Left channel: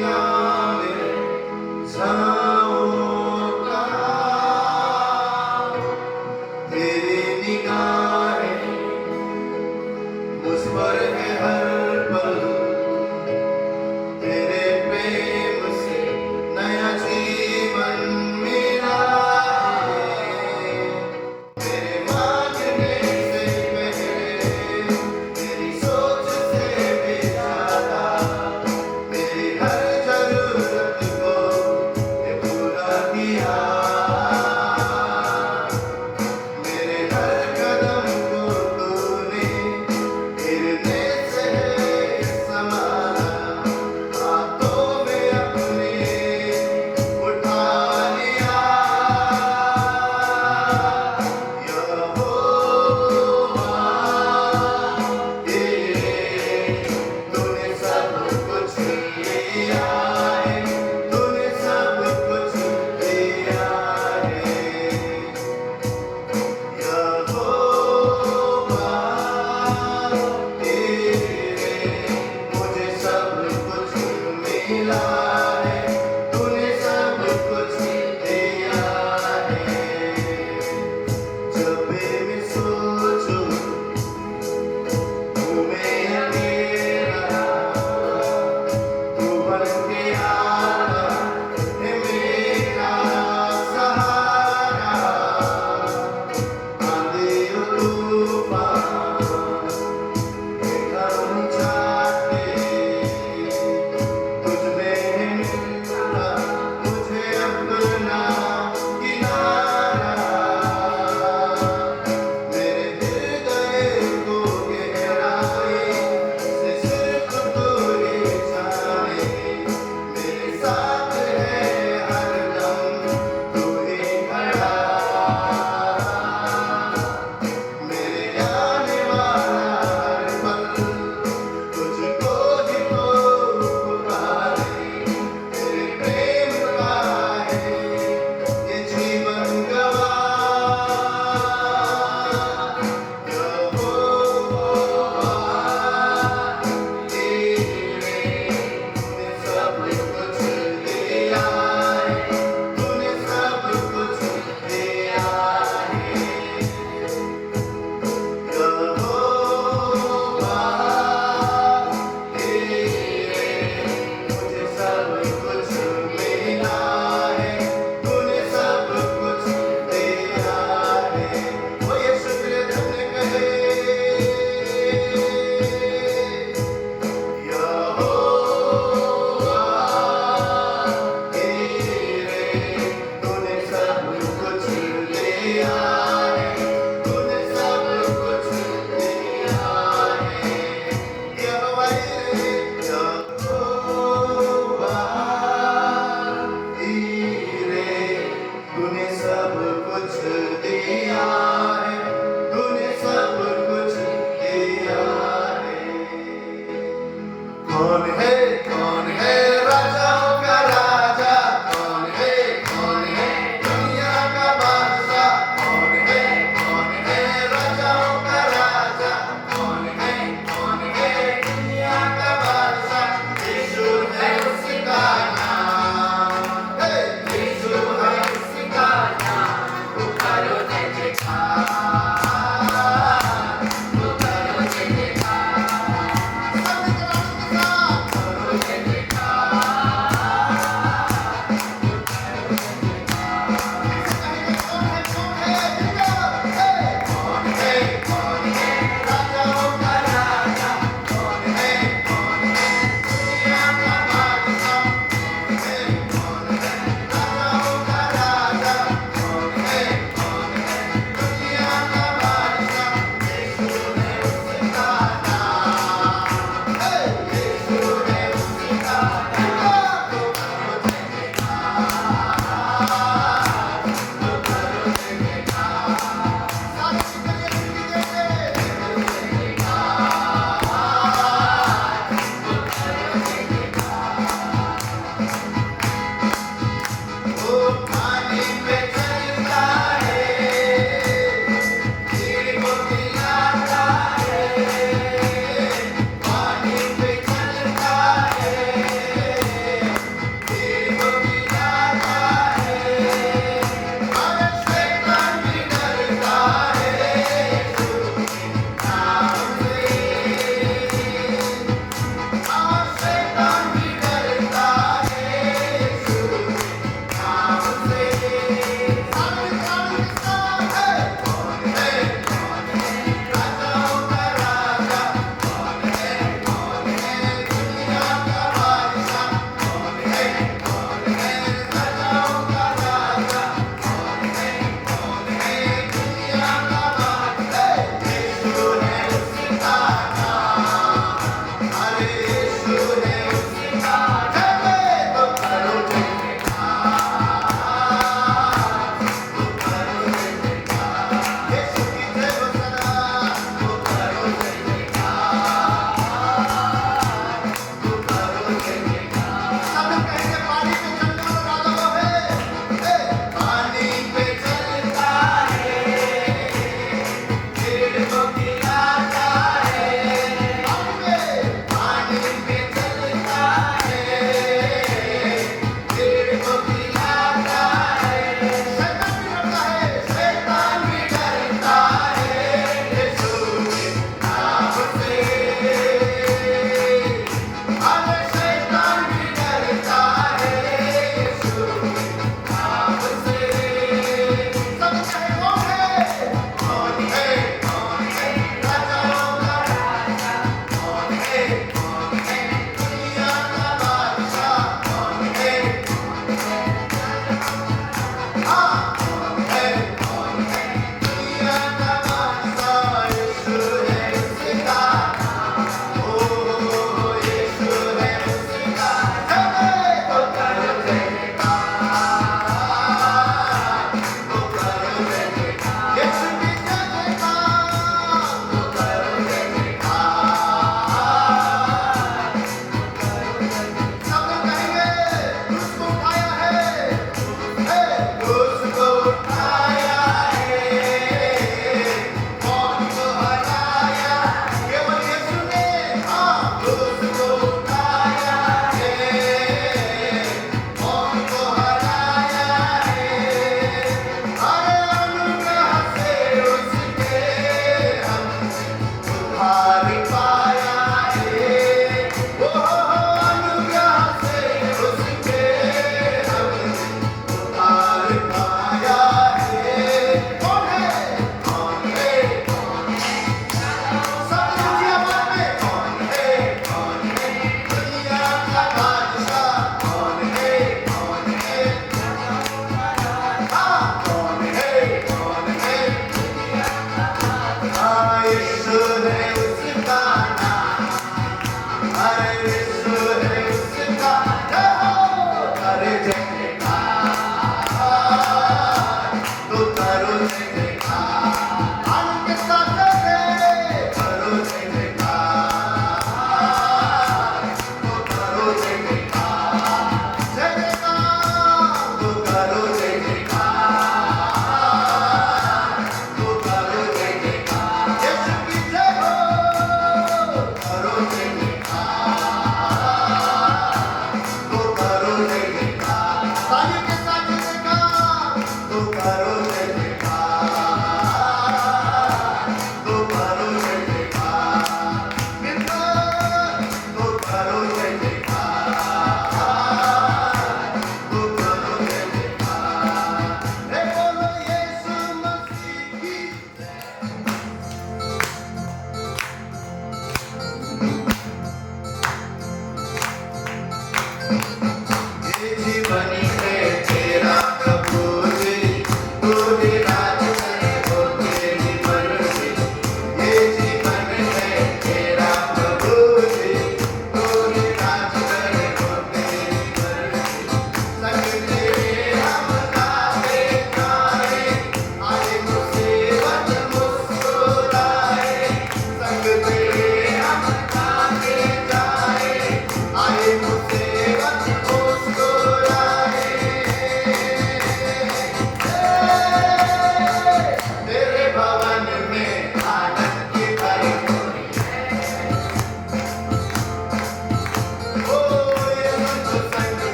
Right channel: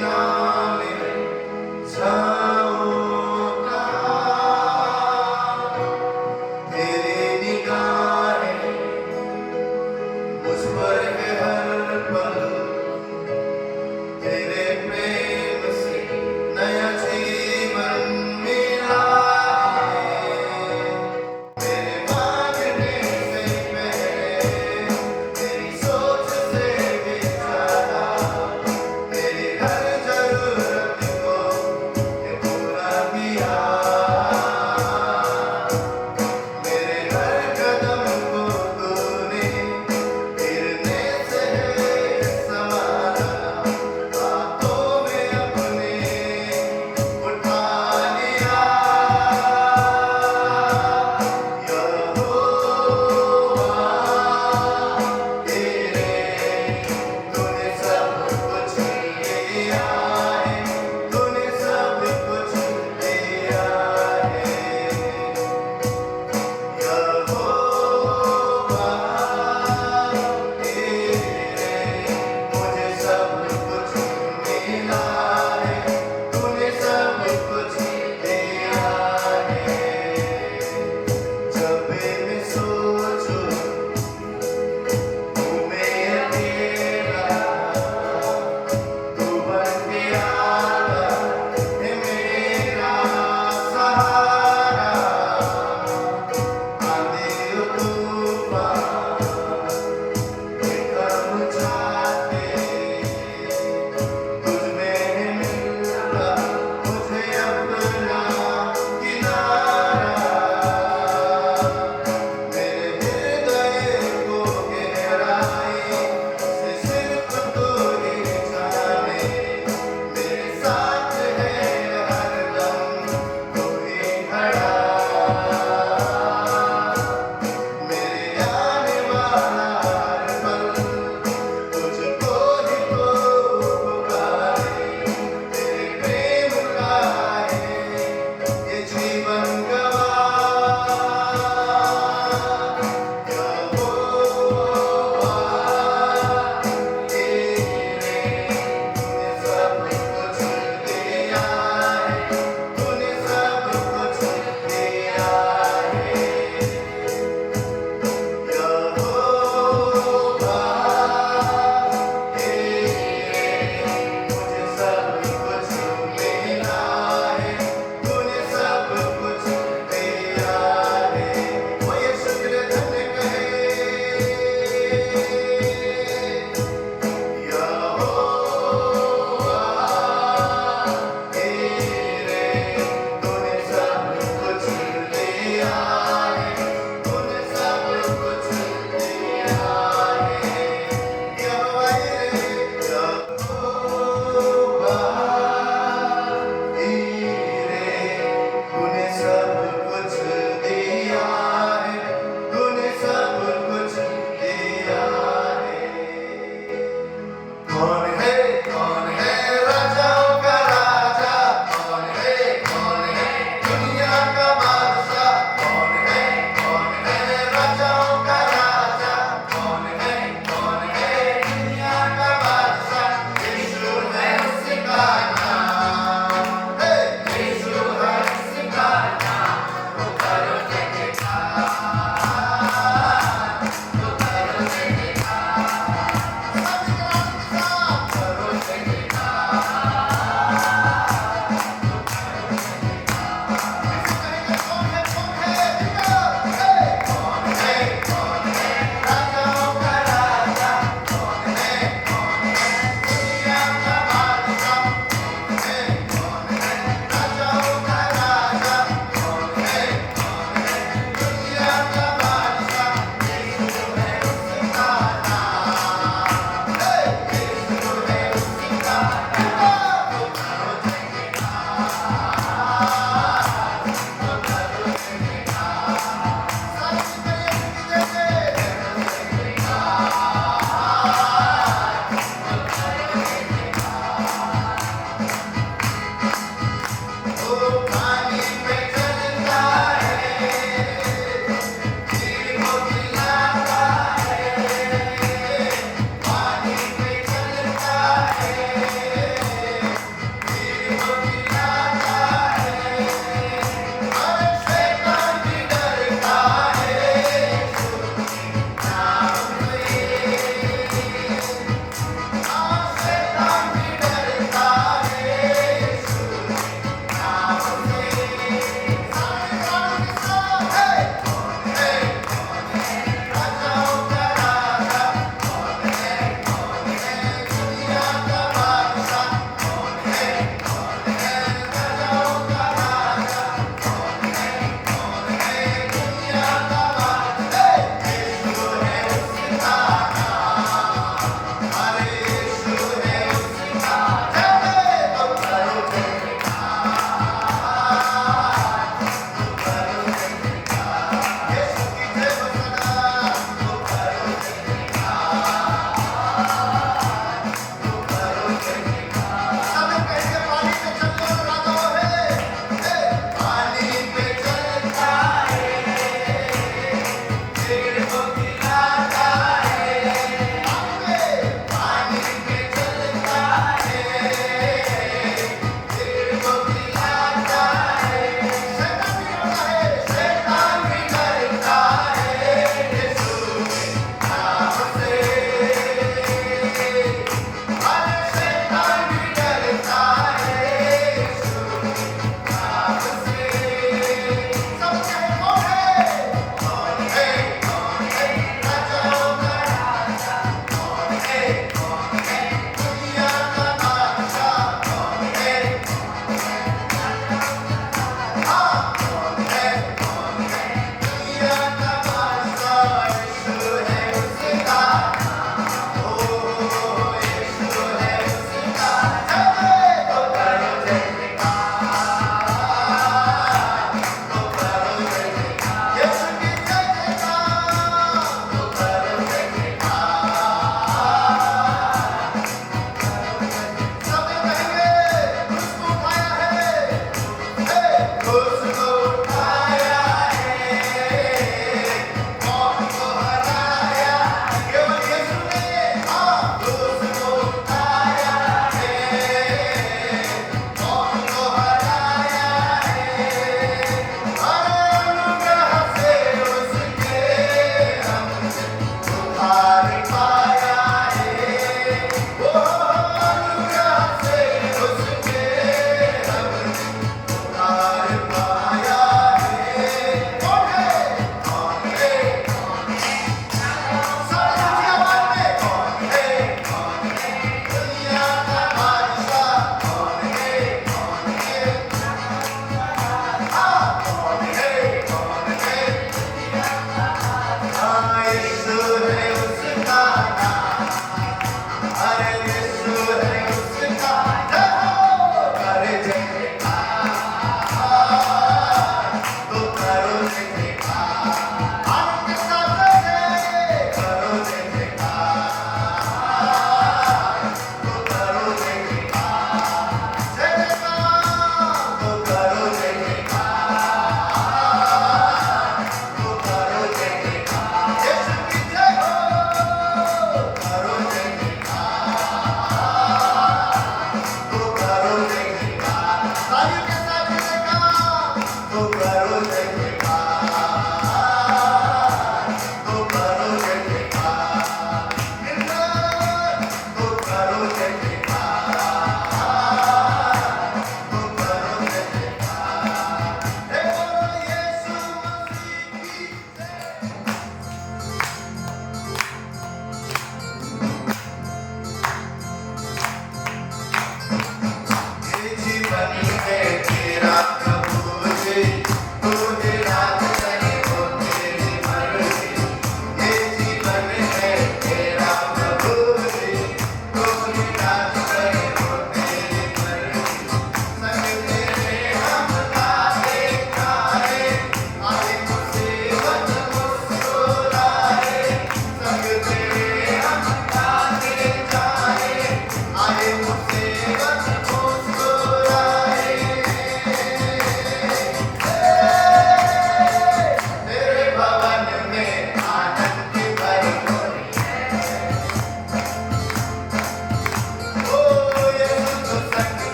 ना मिले जाऊं कहाँ। तेरी निगाहें मुझ पर है हर पल, तेरे प्रेम से नया जीवन मिला है। तेरे मांगने से पहले, तेरी सोच से भी ज्यादा, तेरी हर जरूरत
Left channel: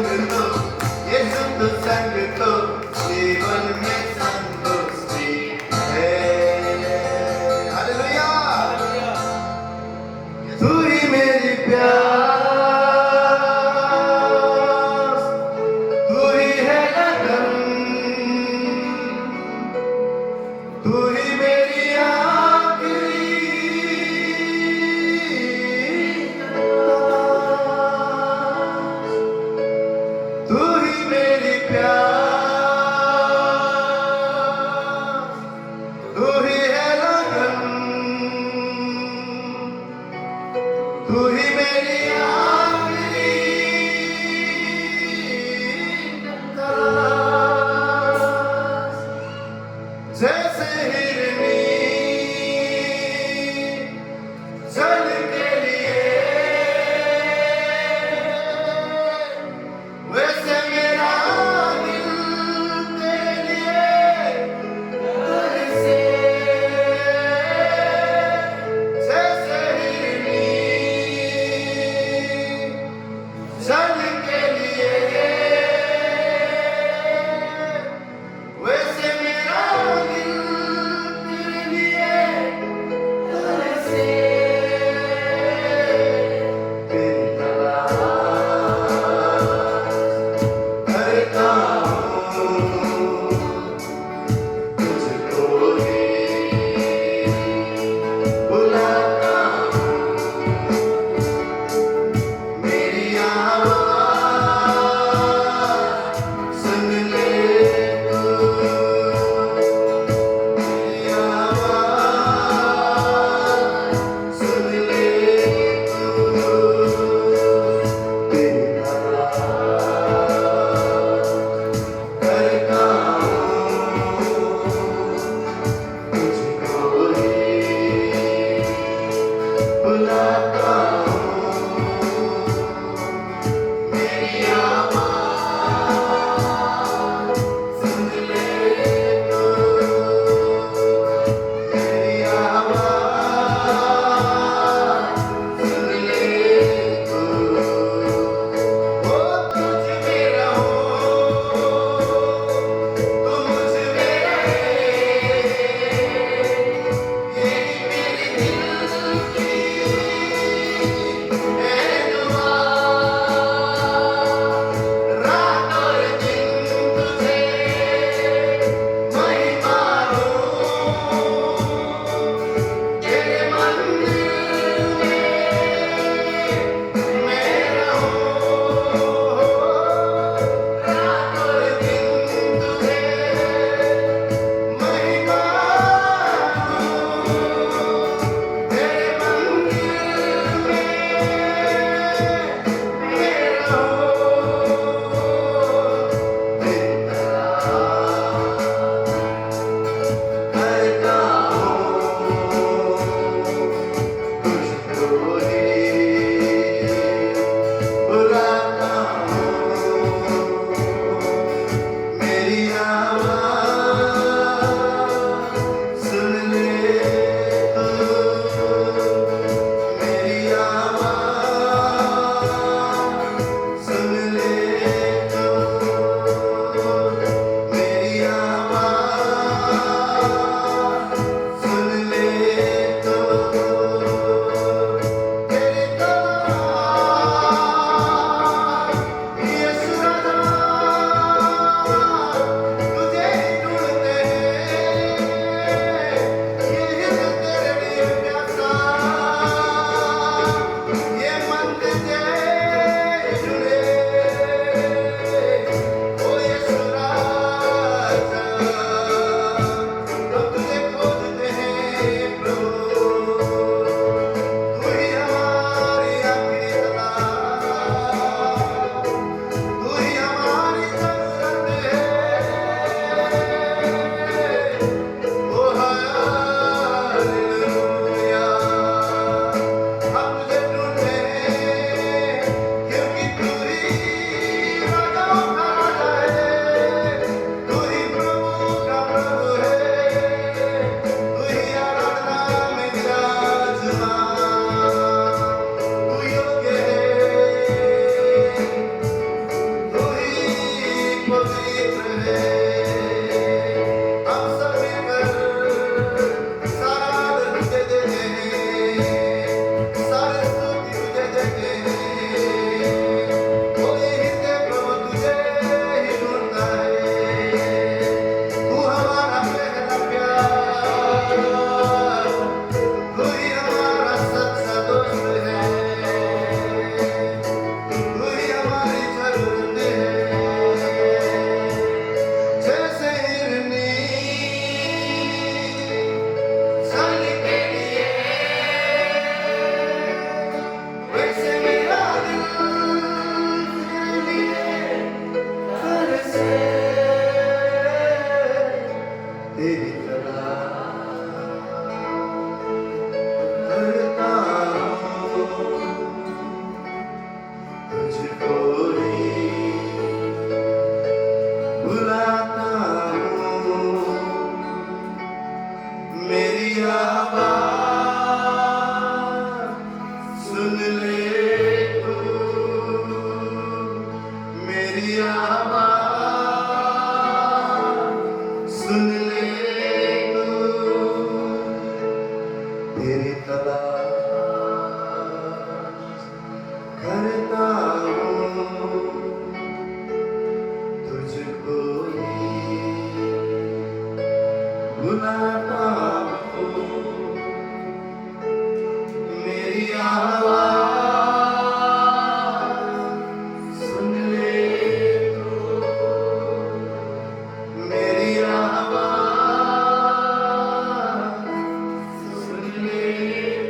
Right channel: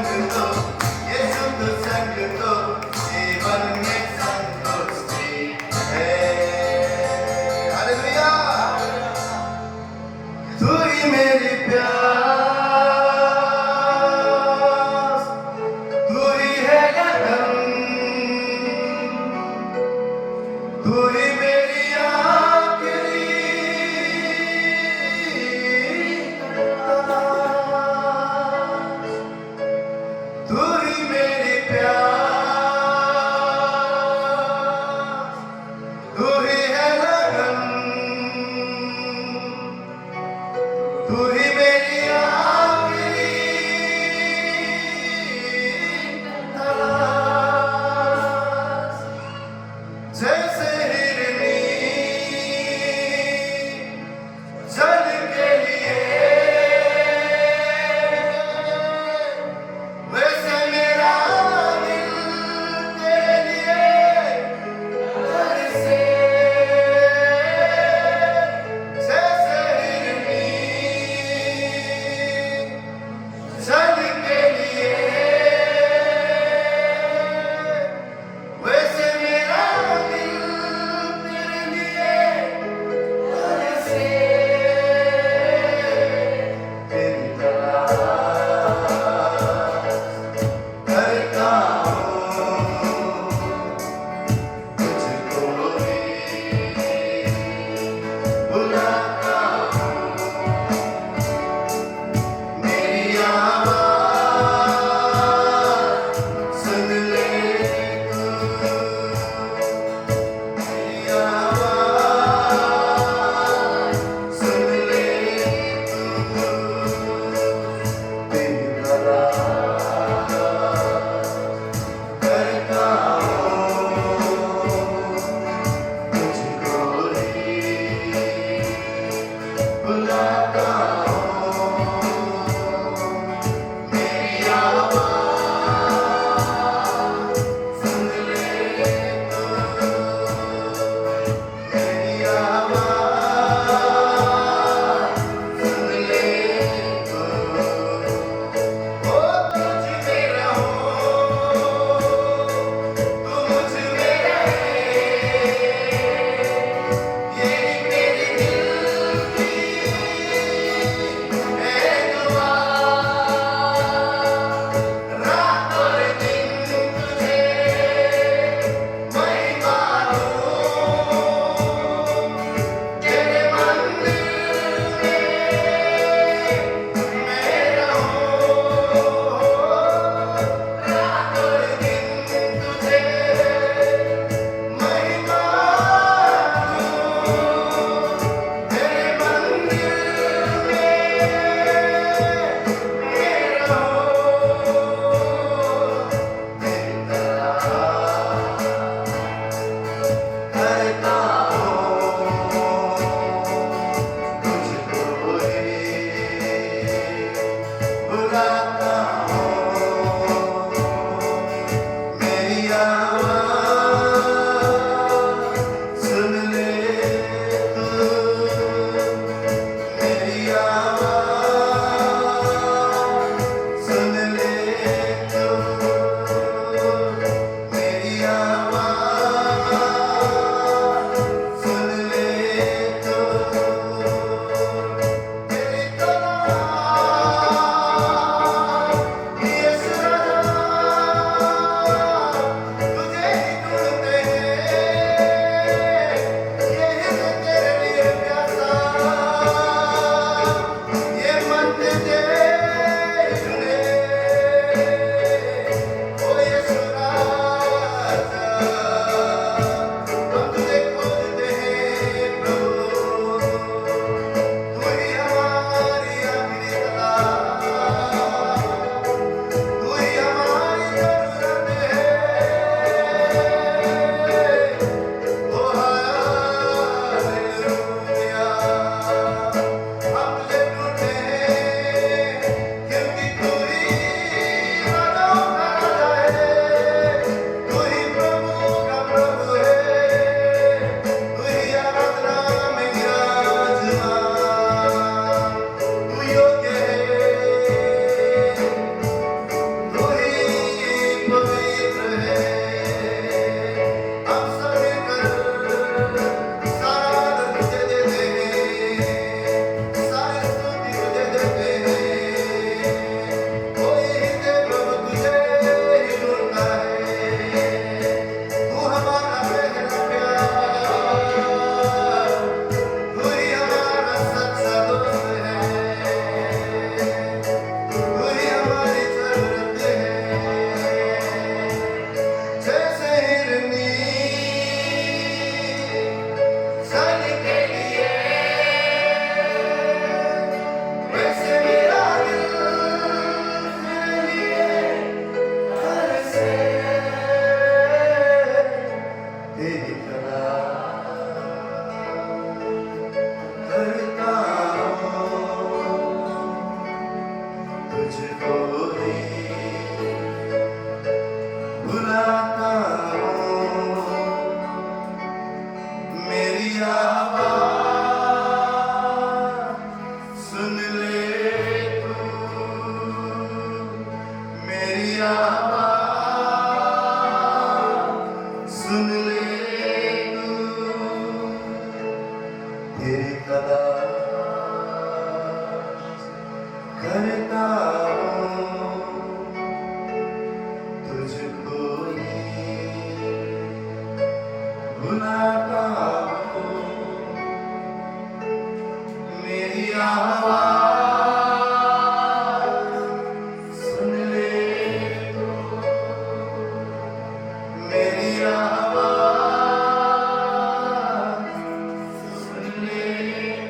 संग तो ये सुख संग तो जीवन में संतुष्टि है हालेलुया तू ही मेरी प्यास तू ही है लगन तू ही मेरी आखिरी तू ही मेरी प्यास तू ही है लगन तू ही मेरी आखिरी तलाश जैसे हिरनी जल के लिए वैसे बुलाता हूँ, मेरी आवाज़ सुन ले तू, मेरी आवाज़ सुन ले तू, तेरी तलाश करता हूँ, तुझको ही बुलाता हूँ, मेरी आवाज़ सुन ले तू, मेरी आवाज़ सुन ले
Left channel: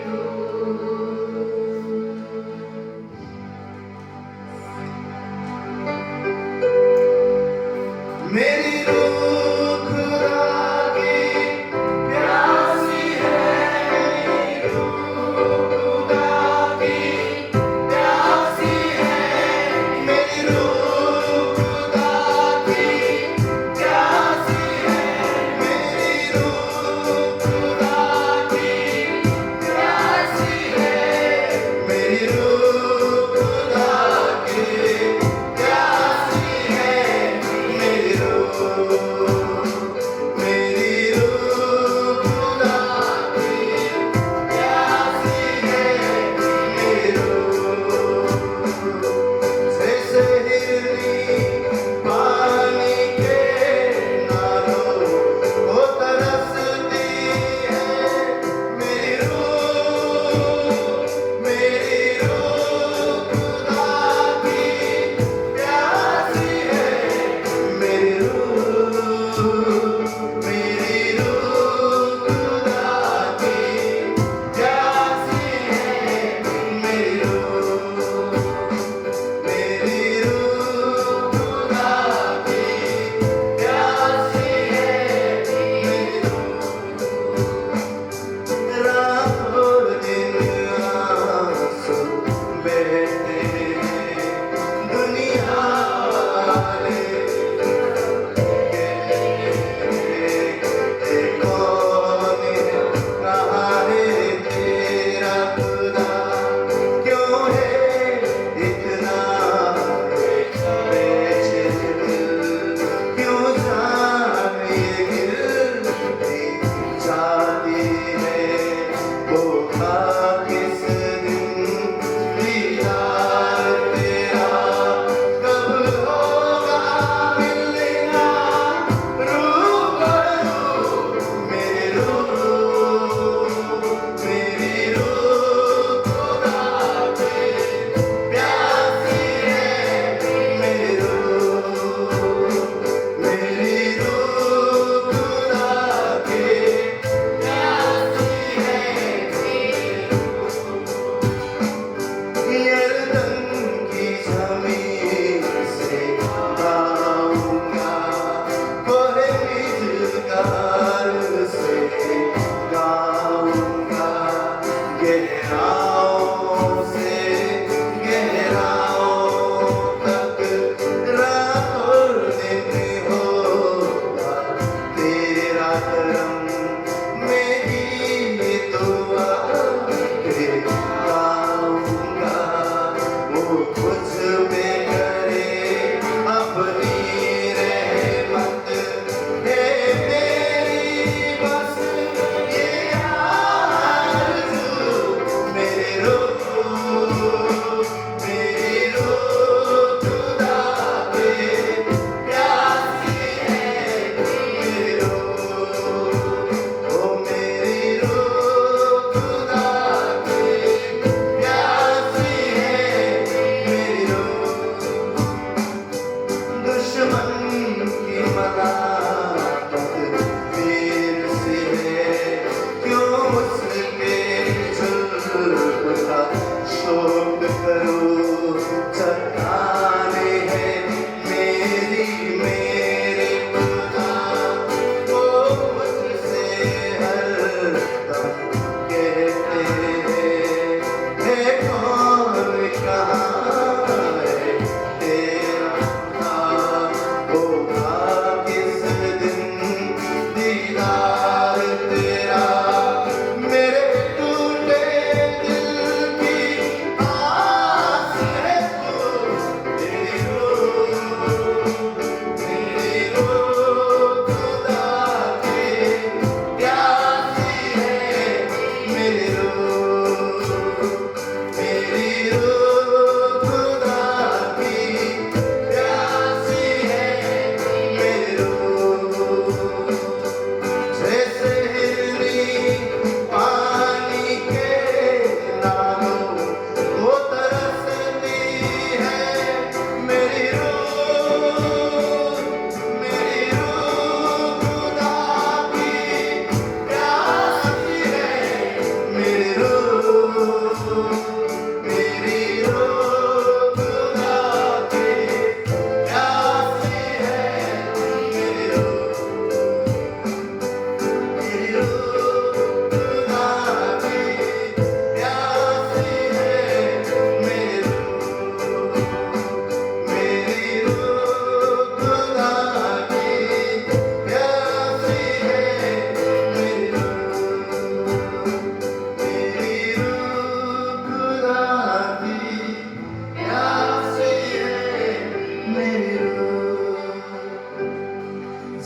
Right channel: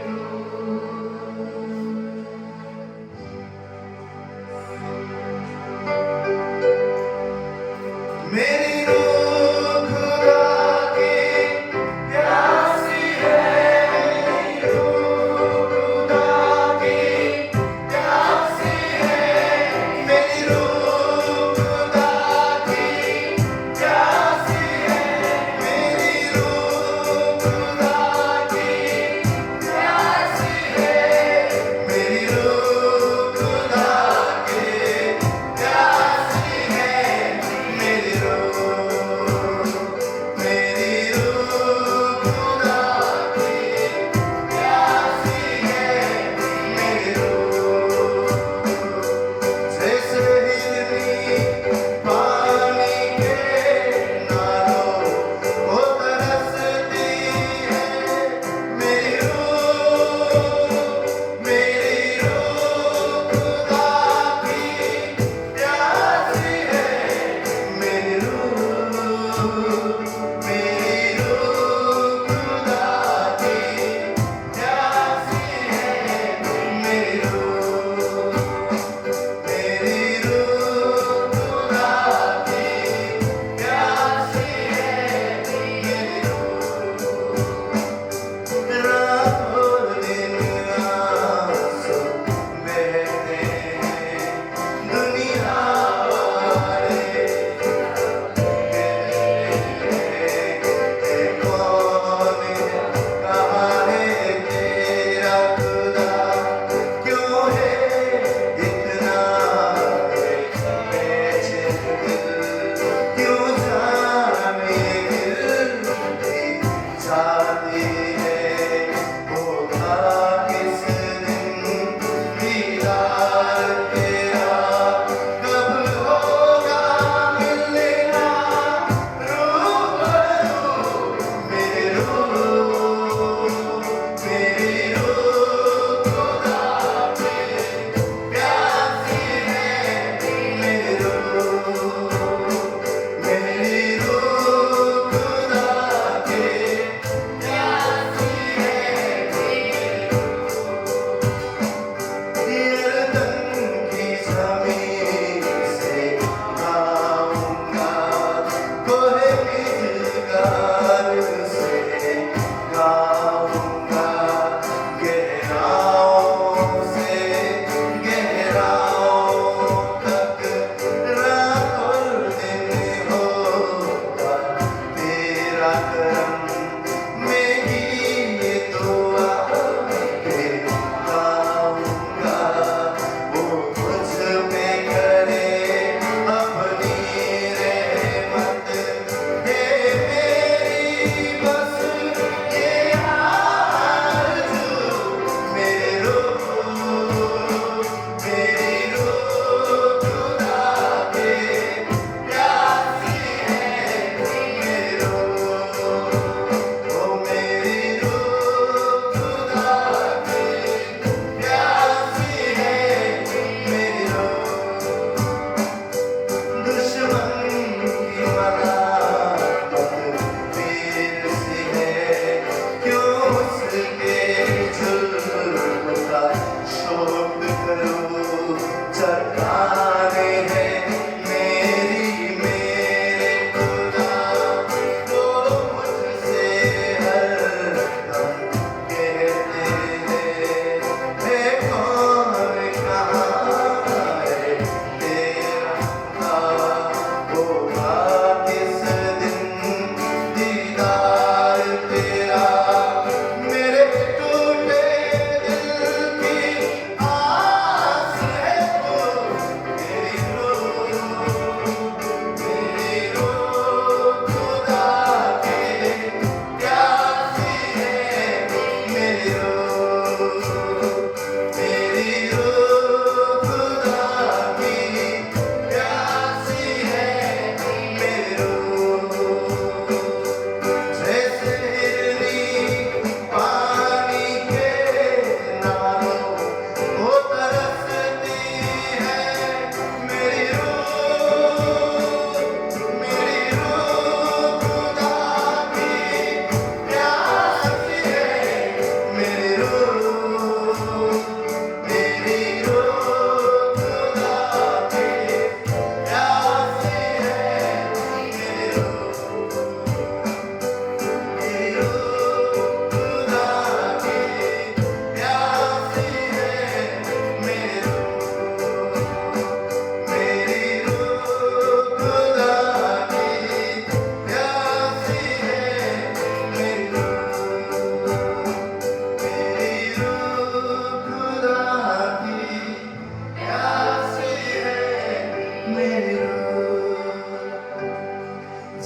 तू। मेरी रूह खुदा की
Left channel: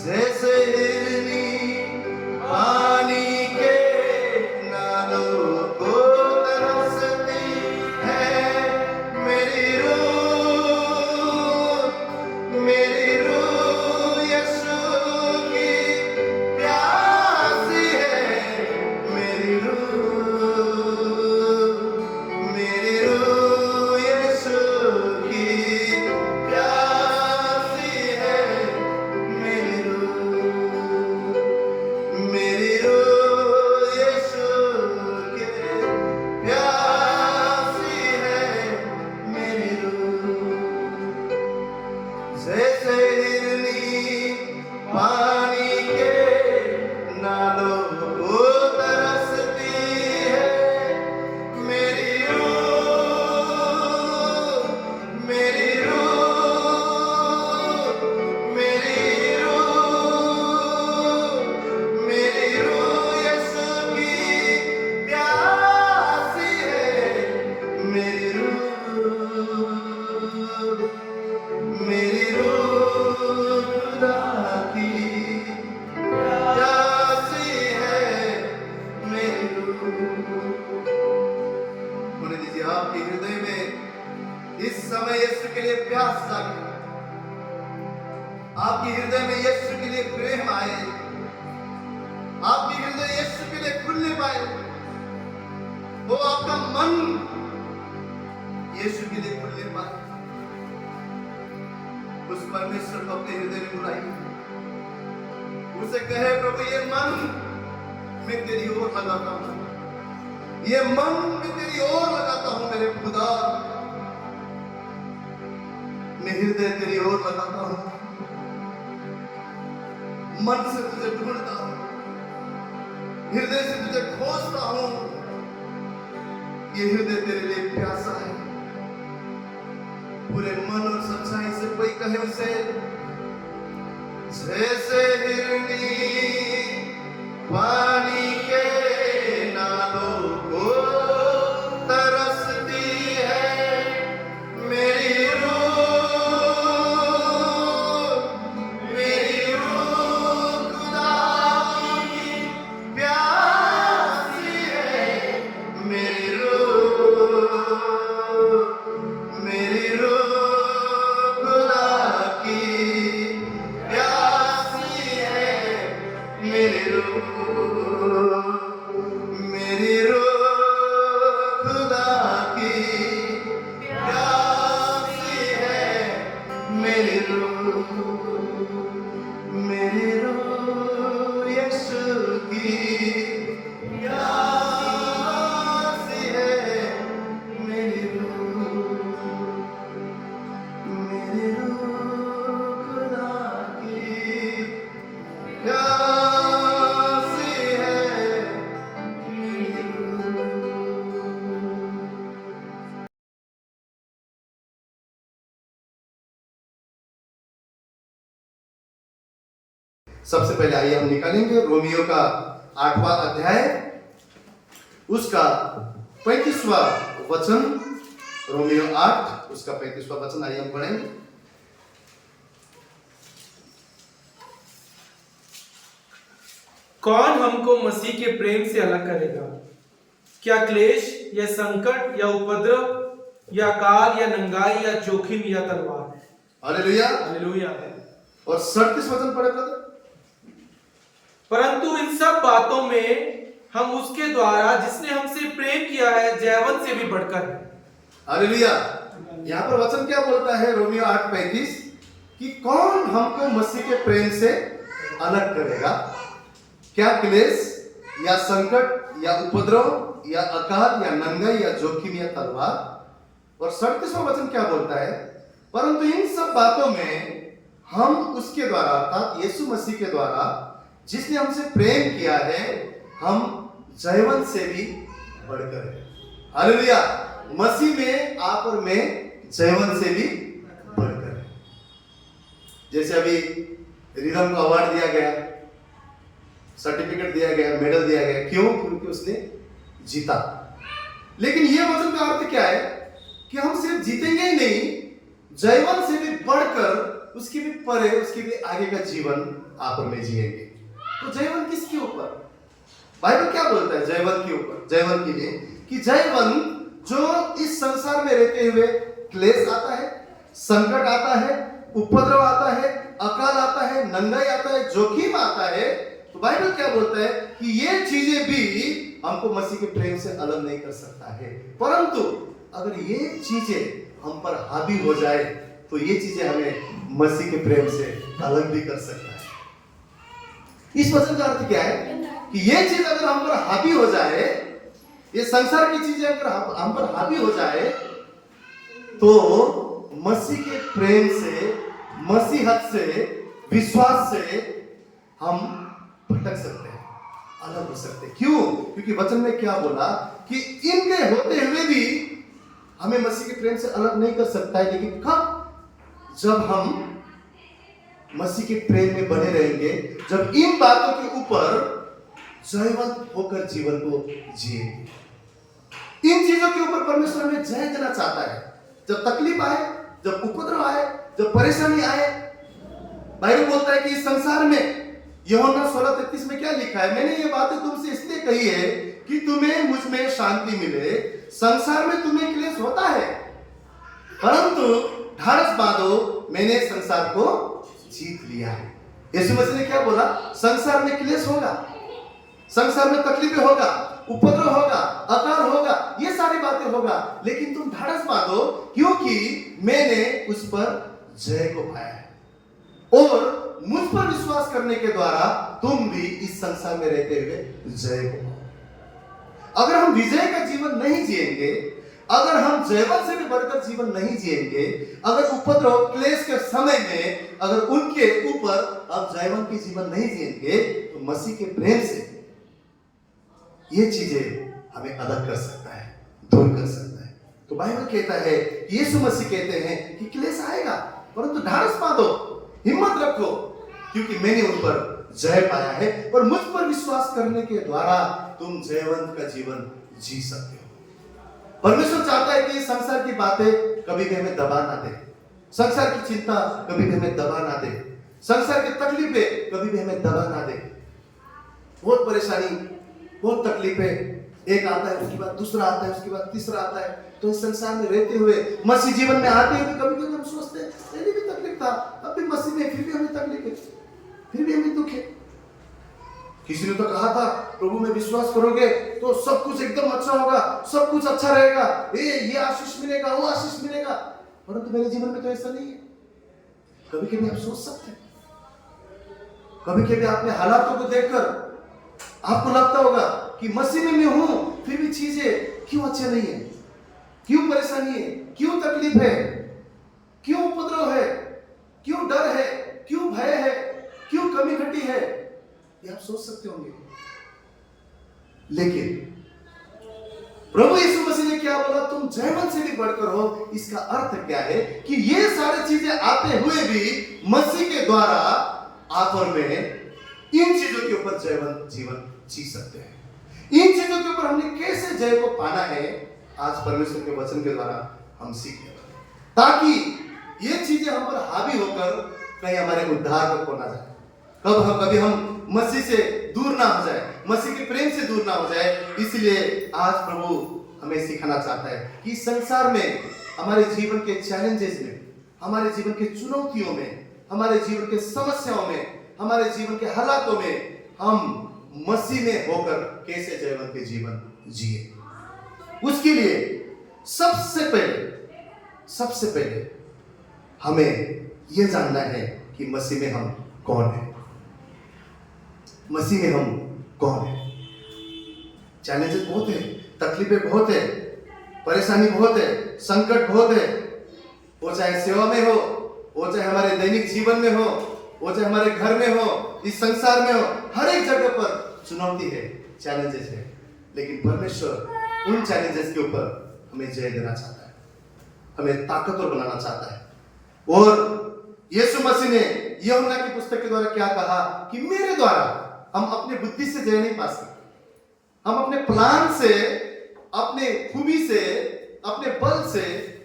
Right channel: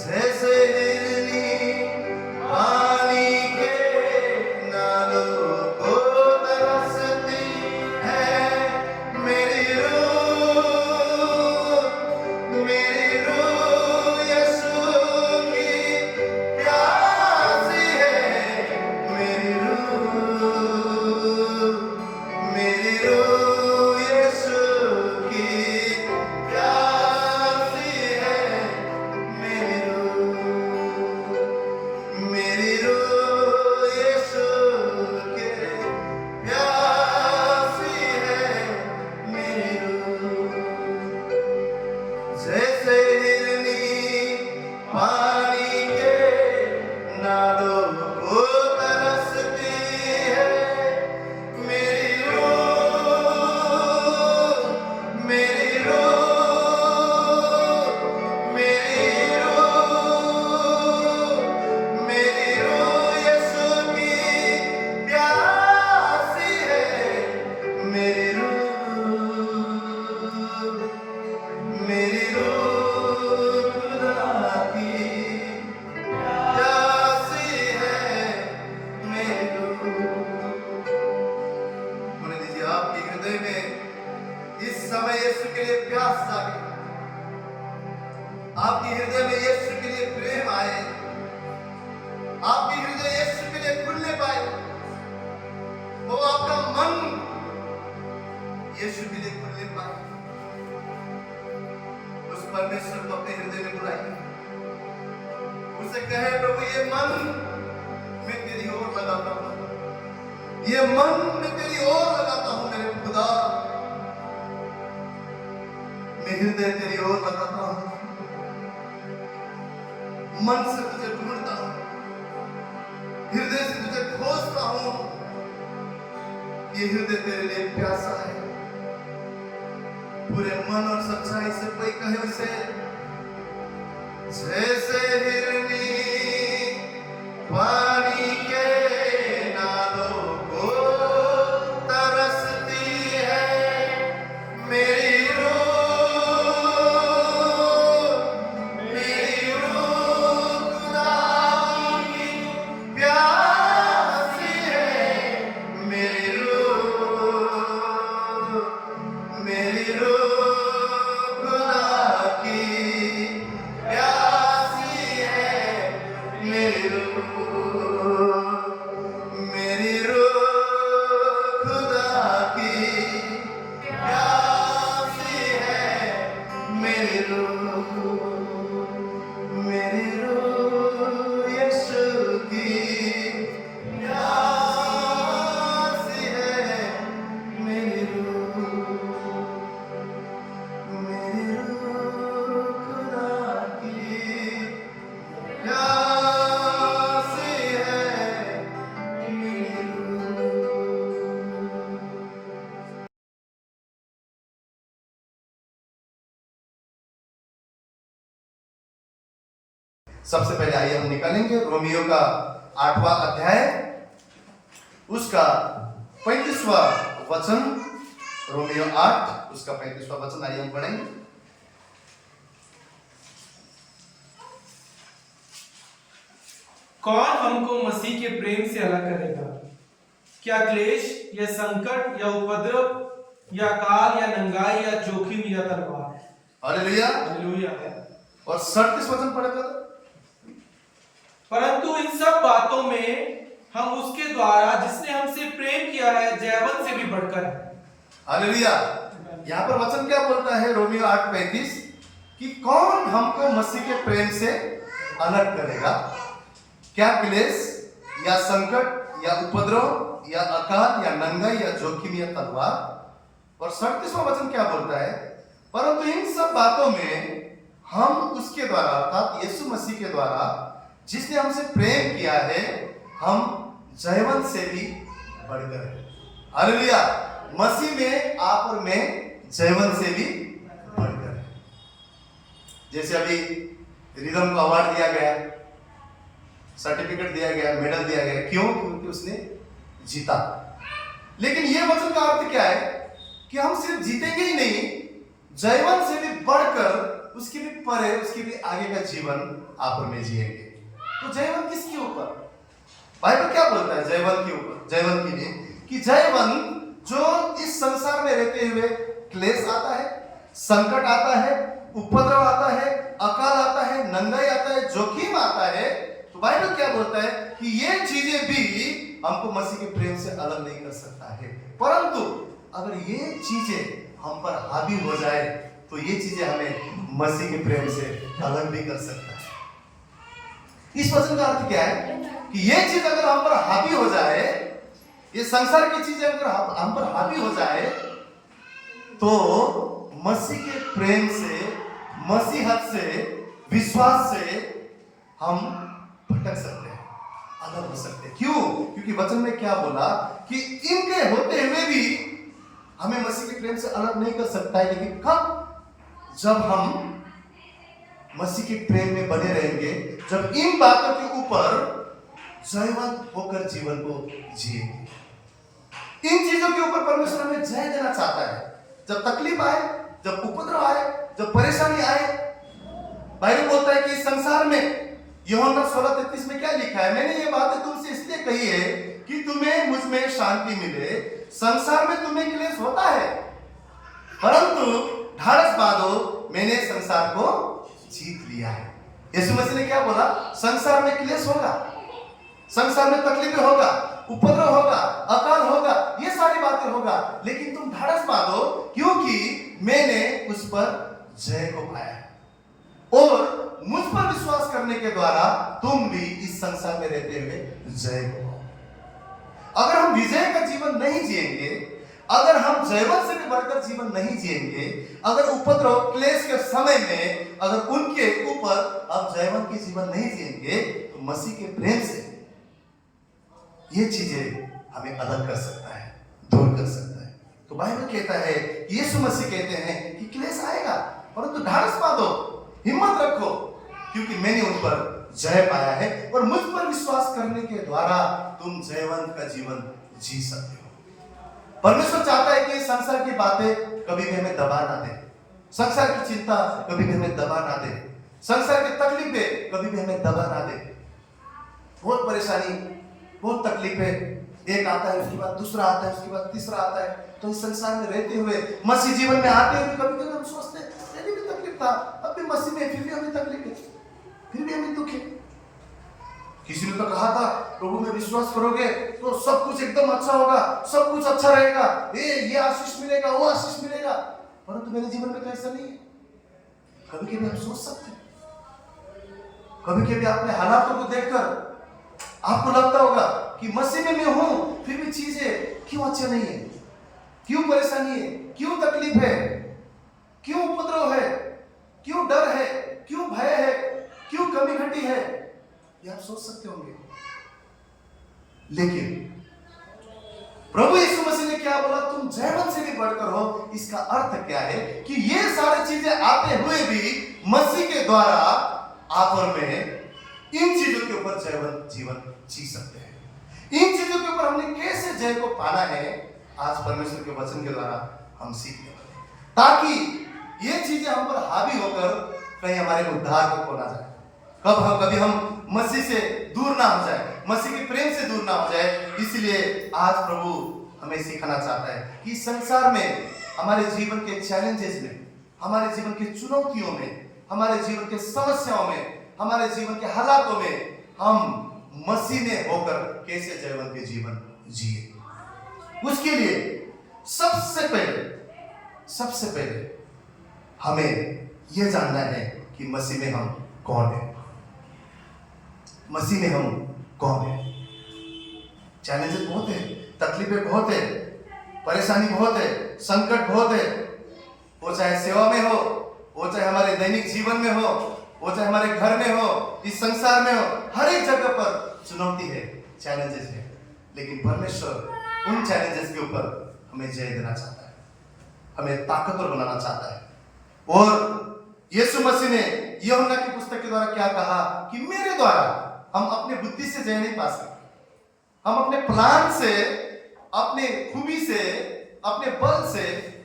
जैसे हिरनी पानी के नालों को तरसती है मेरी रूह यीशु की प्यासी है मेरी रूह यीशु की प्यासी है मेरी रूह यीशु के प्यासी है मेरी रूह जैसे हिरनी पानी के नालों को तरसती है मेरी रूह मेरी रूह यीशु की प्यासी है मेरी रूह खुदा की प्यासी है मेरी रूह। होने दीजिए आपके हृदय में इस समय यीशु के लिए प्यास जागे, आपके हृदय में यीशु के लिए प्रेम आए, आपके हृदय यीशु के लिए खुलने पाए, वो आपका मन यीशु के लिए खुलने पाए। उस परमेश्वर को अपने हृदय में बुलाइए, उसे कहे प्रभु ये मन मैं तेरी ओर लगाता हूं, ये मन मैं तेरी ओर लगाता हूं मेरे खुदा, मैं हृदय तेरी ओर लगाता हूं, मन से तुझे ढूंढता हूं, हृदय से तुझे खोजता हूं, ये हृदय तेरे लिए प्यासा है। पूरे मन और सच्चाई से कोई कहे उसे जैसे हिरनी पानी के नालों को तरसती है मेरी रूह खुदा की प्यासी है मेरी रूह खुदा की प्यासी है मेरी रूह खुदा की प्यासी है मेरी रूह यीशु की प्यासी है मेरी रूह खुदा की प्यासी है मेरी रूह। सबसे पहले आइए हम निकालेंगे रोमियो का 8वां अध्याय, उसका 35वां वचन। रोमियो 8 उसका 35वां वचन आइए हम पढ़ेंगे। कौन हमको मसीह के प्रेम से अलग करेगा? क्या क्लेश या संकट या उपद्रव या काल या नंगाई या जोखिम या तलवार? हालेलुया। हालेलुया। और 37 वचन पढ़े ब्रदर। परंतु इन सब बातों में हम उसके द्वारा जिसने हमसे प्रेम किया है जैवन से भी बढ़कर है। हालेलुया। यहाँ पर वचन क्या बोलता है रोमियो 8:35 कि कौन हमको मसीह के प्रेम से अलग करेगा? क्या क्लेश या संकट या उपद्रव या अकाल या नंगाई या जोखिम या तलवार? और 37वां वचन क्या बोलता है? परंतु इन सब बातों में हम उसके द्वारा अर्थात यीशु मसीह के द्वारा जिसने हमसे प्रेम किया है हम जयवन से भी बढ़कर है। हालेलुया। मसीह में आप और मैं जयवन से भी बढ़कर है। जैसे अभी रिदम को अवार्ड दिया गया, सर्टिफिकेट दिया गया, मेडल दिया गया, क्यों? क्योंकि उसने जीता। लेकिन यह वचन का अर्थ क्या है कि हम सिर्फ जीतेंगे ही नहीं जयवन से भी बढ़कर उसके भी परे, उसके भी आगे का जीवन आप और मैं जिएंगे। तो जयवन किसके ऊपर? बाइबल क्या बोलता है जयवन के ऊपर, जयवन के लिए? कि जयवन जो इस संसार में रहते हुए क्लेश आता है, संकट आता है, उपद्रव आता है, अकाल आता है, नंगाई आता है, जोखिम आता है, तो बाइबल क्या बोलता है कि ये चीजें भी हमको मसीह के प्रेम से अलग नहीं कर सकता है। परंतु अगर ये चीजें हम पर हावी हो जाए तो ये चीजें हमें मसीह के प्रेम से अलग भी कर सकता है। इस वचन का अर्थ क्या है कि ये चीज अगर हम पर हावी हो जाए, ये संसार की चीजें अगर हम पर हावी हो जाए, तो मसीह के प्रेम से, मसीहत से, विश्वास से हम भटक सकते हैं, अलग हो सकते हैं। क्यों? क्योंकि वचन में क्या बोला कि इनके होते हुए भी हमें मसीह के प्रेम से अलग नहीं कर सकता है। लेकिन कब? जब हम मसीह के प्रेम में बने रहेंगे, जब इन बातों के ऊपर जयवंत होकर जीवन को जिएंगे। इन चीजों के ऊपर परमेश्वर हमें जय देना चाहता है। जब तकलीफ आए, जब उपद्रव आए, जब परेशानी आए, बाइबल बोलता है कि इस संसार में, यूहन्ना 16:33 में क्या लिखा है? मैंने ये बातें तुमसे इसलिए कही है कि तुम्हें मुझ में शांति मिले। संसार में तुम्हें क्लेश होता है, परंतु ढाढ़स बांधो, मैंने संसार को जीत लिया है। यीशु मसीह ने क्या बोला? संसार में क्लेश होगा, संसार में तकलीफें होगा, उपद्रव होगा, अकाल होगा, ये सारी बातें होगा, लेकिन तुम ढाढ़स बांधो क्योंकि मैंने उस पर जय को पाया है। और मुझ पर विश्वास करने के द्वारा तुम भी इस संसार में रहते हुए जय को पाओ। अगर हम विजय का जीवन नहीं जिएंगे, अगर हम जयवंत से भी बढ़कर जीवन नहीं जिएंगे, अगर उपद्रव क्लेश के समय में अगर उनके ऊपर हम जयवंत की जीवन नहीं जिएंगे, तो मसीह के प्रेम से ये चीजें हमें अलग कर सकता है, दूर कर सकता है। तो बाइबल कहता है, यीशु मसीह कहते हैं कि क्लेश आएगा, परंतु ढाढ़स बांधो, हिम्मत रखो, क्योंकि मैंने उन पर जय पाया है और मुझ पर विश्वास करने के द्वारा तुम जयवंत का जीवन जी सकते हो। परमेश्वर चाहता है कि संसार की बातें कभी भी हमें दबा ना दे, संसार की चिंता कभी भी हमें दबा ना दे, संसार की तकलीफें कभी भी हमें दबा ना दे। बहुत परेशानी, बहुत तकलीफें, एक आता है, उसके बाद दूसरा आता है, उसके बाद तीसरा आता है। तो इस संसार में रहते हुए, मसीह जीवन में आते हुए कभी कभी हम सोचते हैं पहले भी तकलीफ था, अब भी मसीह में, फिर भी हमें तकलीफ है, फिर भी हमें दुख है। किसी ने तो कहा था प्रभु में विश्वास करोगे तो सब कुछ एकदम अच्छा होगा, सब कुछ अच्छा रहेगा, ये आशीष मिलेगा, वो आशीष मिलेगा, परंतु मेरे जीवन में तो ऐसा नहीं है। कभी कभी आप सोच सकते हैं, कभी कभी अपने हालातों को देखकर आपको लगता होगा कि मसीह में मैं हूं, फिर भी चीजें क्यों अच्छे नहीं है, क्यों परेशानी है, क्यों तकलीफ है, क्यों उपद्रव है, क्यों डर है, क्यों भय है, क्यों कमी घटी है, ये आप सोच सकते होंगे। लेकिन प्रभु यीशु मसीह ने क्या बोला? तुम जयवंत से भी बढ़कर हो। इसका अर्थ क्या है कि ये सारी चीजें आते हुए भी मसीह के द्वारा आप और मैं इन चीजों के ऊपर जयवंत जीवन जी सकते हैं। इन चीजों के ऊपर हमने कैसे जय को पाना है, आज परमेश्वर के वचन के द्वारा हम सीखने वाले, ताकि ये चीजें हम पर हावी होकर कहीं हमारे उद्धार को ना जाए, कभी हम मसीह से दूर ना हो जाए, मसीह के प्रेम से दूर ना हो जाए। इसलिए आज प्रभु हमें सिखाना चाहता है कि संसार में, हमारे जीवन के चैलेंजेस में, हमारे जीवन के चुनौतियों में, हमारे जीवन के समस्याओं में, हमारे जीवन के हालातों में हम मसीह में होकर कैसे जयवंत के जीवन जिए। उसके लिए सबसे पहले हमें यह जानना है कि मसीह में हम कौन है, मसीह में हम कौन है। चैलेंजेस बहुत है, तकलीफें बहुत है, परेशानी बहुत है, संकट बहुत है, वो चाहे सेवा में हो, वो चाहे हमारे दैनिक जीवन में हो, वो चाहे हमारे घर में हो, इस संसार में हो, हर एक जगह पर चुनौती है, चैलेंजेस है। लेकिन परमेश्वर उन चैलेंजेस के ऊपर हमें जय देना चाहता है, हमें ताकतवर बनाना चाहता है। और यीशु मसीह ने यूहन्ना की पुस्तक के द्वारा क्या कहा कि मेरे द्वारा हम अपने बुद्धि से जय नहीं पा सकते, हम अपने प्लान से, अपने खूबी से, अपने बल से,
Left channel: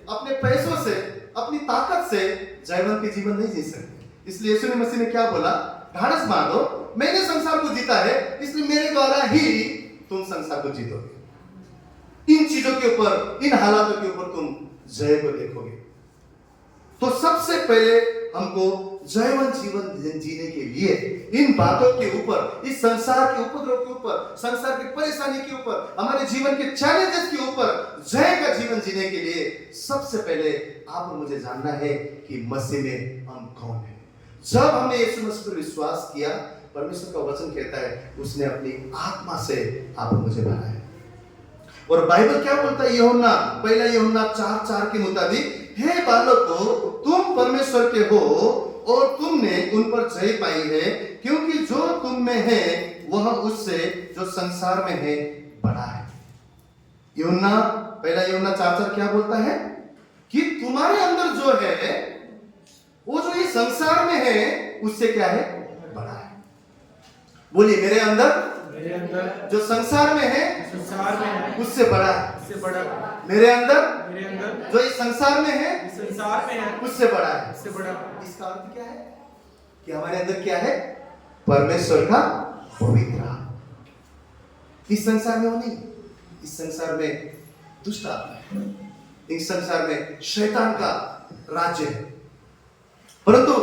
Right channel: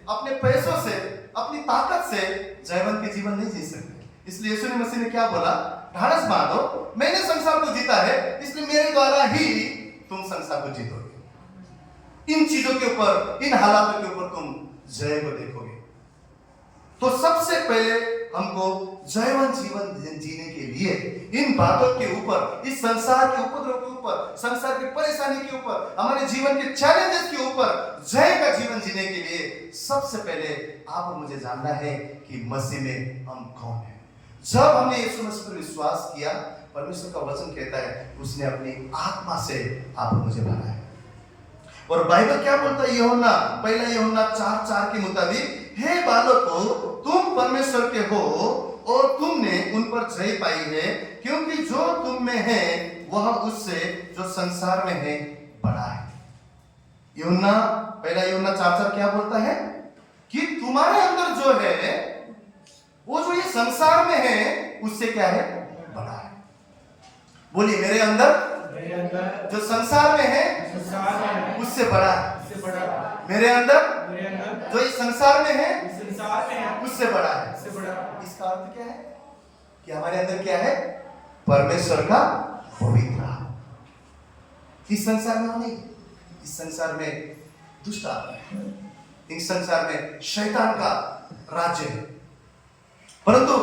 अपने पैसों से, अपनी ताकत से जयवंत के जीवन नहीं जी सकते। इसलिए यीशु मसीह ने क्या बोला? ढाढ़स बांधो, मैंने संसार को जीता है, इसलिए मेरे द्वारा ही तुम संसार को जीतोगे। इन चीजों के ऊपर, इन हालातों के ऊपर तुम जय को देखोगे। तो सबसे पहले हमको जयवंत जीवन जीने के लिए इन बातों के ऊपर, इस संसार के उपद्रव के ऊपर, संसार की परेशानी के ऊपर, हमारे जीवन के चैलेंजेस के ऊपर जय का जीवन जीने के लिए सबसे पहले आप और मुझे जानना है कि मसीह में हम कौन है। जब हमने यीशु मसीह पर विश्वास किया, परमेश्वर का वचन कहता है उसने अपनी आत्मा से आप और मुझे भरा है। और बाइबल क्या बोलता है? यूहन्ना, पहला यूहन्ना 4:4 के मुताबिक, हे बालकों, तुम परमेश्वर के हो और तुमने उन पर जय पाई है, क्योंकि जो तुम में है वह उससे जो संसार में है बड़ा है। यूहन्ना, पहला यूहन्ना 4:4 क्या बोलता है? कि तुम्हारे अंदर जो है वो जो ये संसार में है उससे क्या है? बड़ा है। बोलिए, मेरे अंदर जो संसार में है उससे बड़ा है। मेरे अंदर जो इस संसार में है उससे बड़ा है। इसका अर्थ क्या है? कि हमारे अंदर क्या है? परमेश्वर का पवित्र आत्मा। इस संसार में वो नहीं, इस संसार में दुष्ट आत्मा है, इस संसार में शैतान का राज्य है। परंतु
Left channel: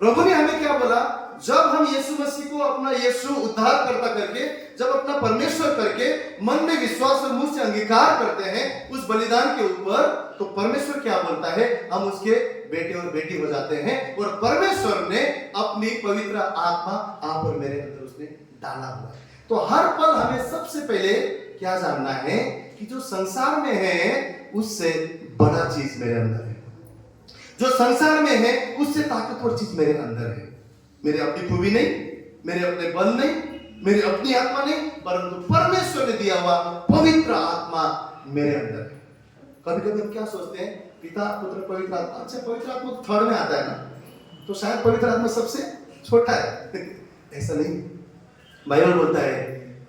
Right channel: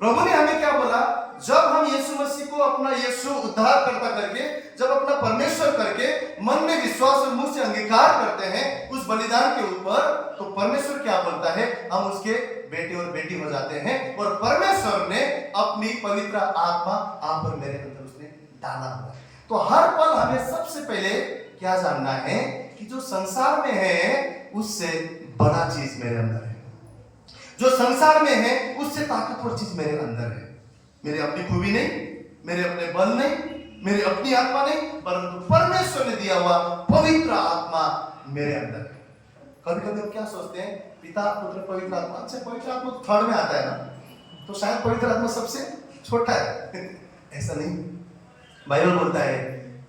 प्रभु ने हमें क्या बोला? जब हम यीशु मसीह को अपना यीशु उद्धार करता करके, जब अपना परमेश्वर करके मन में विश्वास और मुंह से अंगीकार करते हैं उस बलिदान के ऊपर, तो परमेश्वर क्या बोलता है? हम उसके बेटे और बेटी हो जाते हैं। और परमेश्वर ने अपनी पवित्र आत्मा आप और मेरे अंदर उसने डाला हुआ है। तो हर पल हमें सबसे पहले क्या जानना है? कि जो संसार में है उससे बड़ा चीज मेरे अंदर है। जो संसार में है उससे ताकतवर चीज मेरे अंदर है। मेरे अपनी खूबी नहीं, मेरे अपने बल नहीं, मेरी अपनी आत्मा नहीं, परंतु परमेश्वर ने दिया हुआ पवित्र आत्मा मेरे अंदर है। कभी कभी हम क्या सोचते हैं? पिता, पुत्र, पवित्र आत्मा। अच्छा, पवित्र आत्मा तो थर्ड में आता है ना, तो शायद पवित्र आत्मा सबसे छोटा है। ऐसा नहीं, बाइबल बोलता है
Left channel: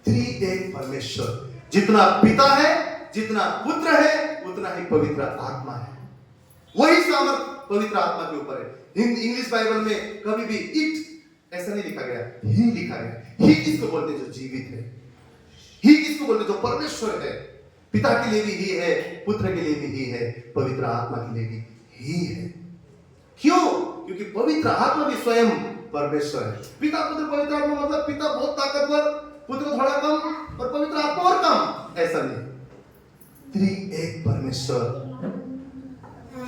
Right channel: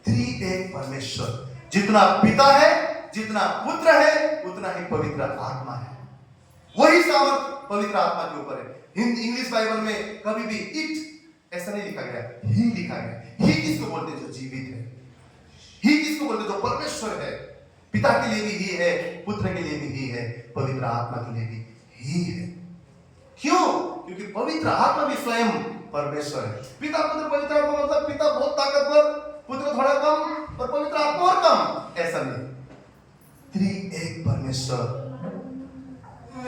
त्रिएक परमेश्वर, जितना पिता है, जितना पुत्र है, उतना ही पवित्र आत्मा है। वही सामर्थ पवित्र आत्मा के ऊपर है। इंग्लिश बाइबल में कभी भी इट ऐसा नहीं लिखा गया, ही लिखा गया। ही किसको बोलते हैं? जो जीवित है। ही किसको बोलते हैं? जो परमेश्वर है। पिता के लिए भी ही है, पुत्र के लिए भी ही है, पवित्र आत्मा के लिए भी ही है। क्यों? क्योंकि पवित्र आत्मा भी स्वयं परमेश्वर है। पिता, पुत्र, पवित्र आत्मा मतलब पिता बहुत ताकतवर, पुत्र थोड़ा कम और पवित्र आत्मा और कम, ऐसा नहीं। त्रिएक परमेश्वर,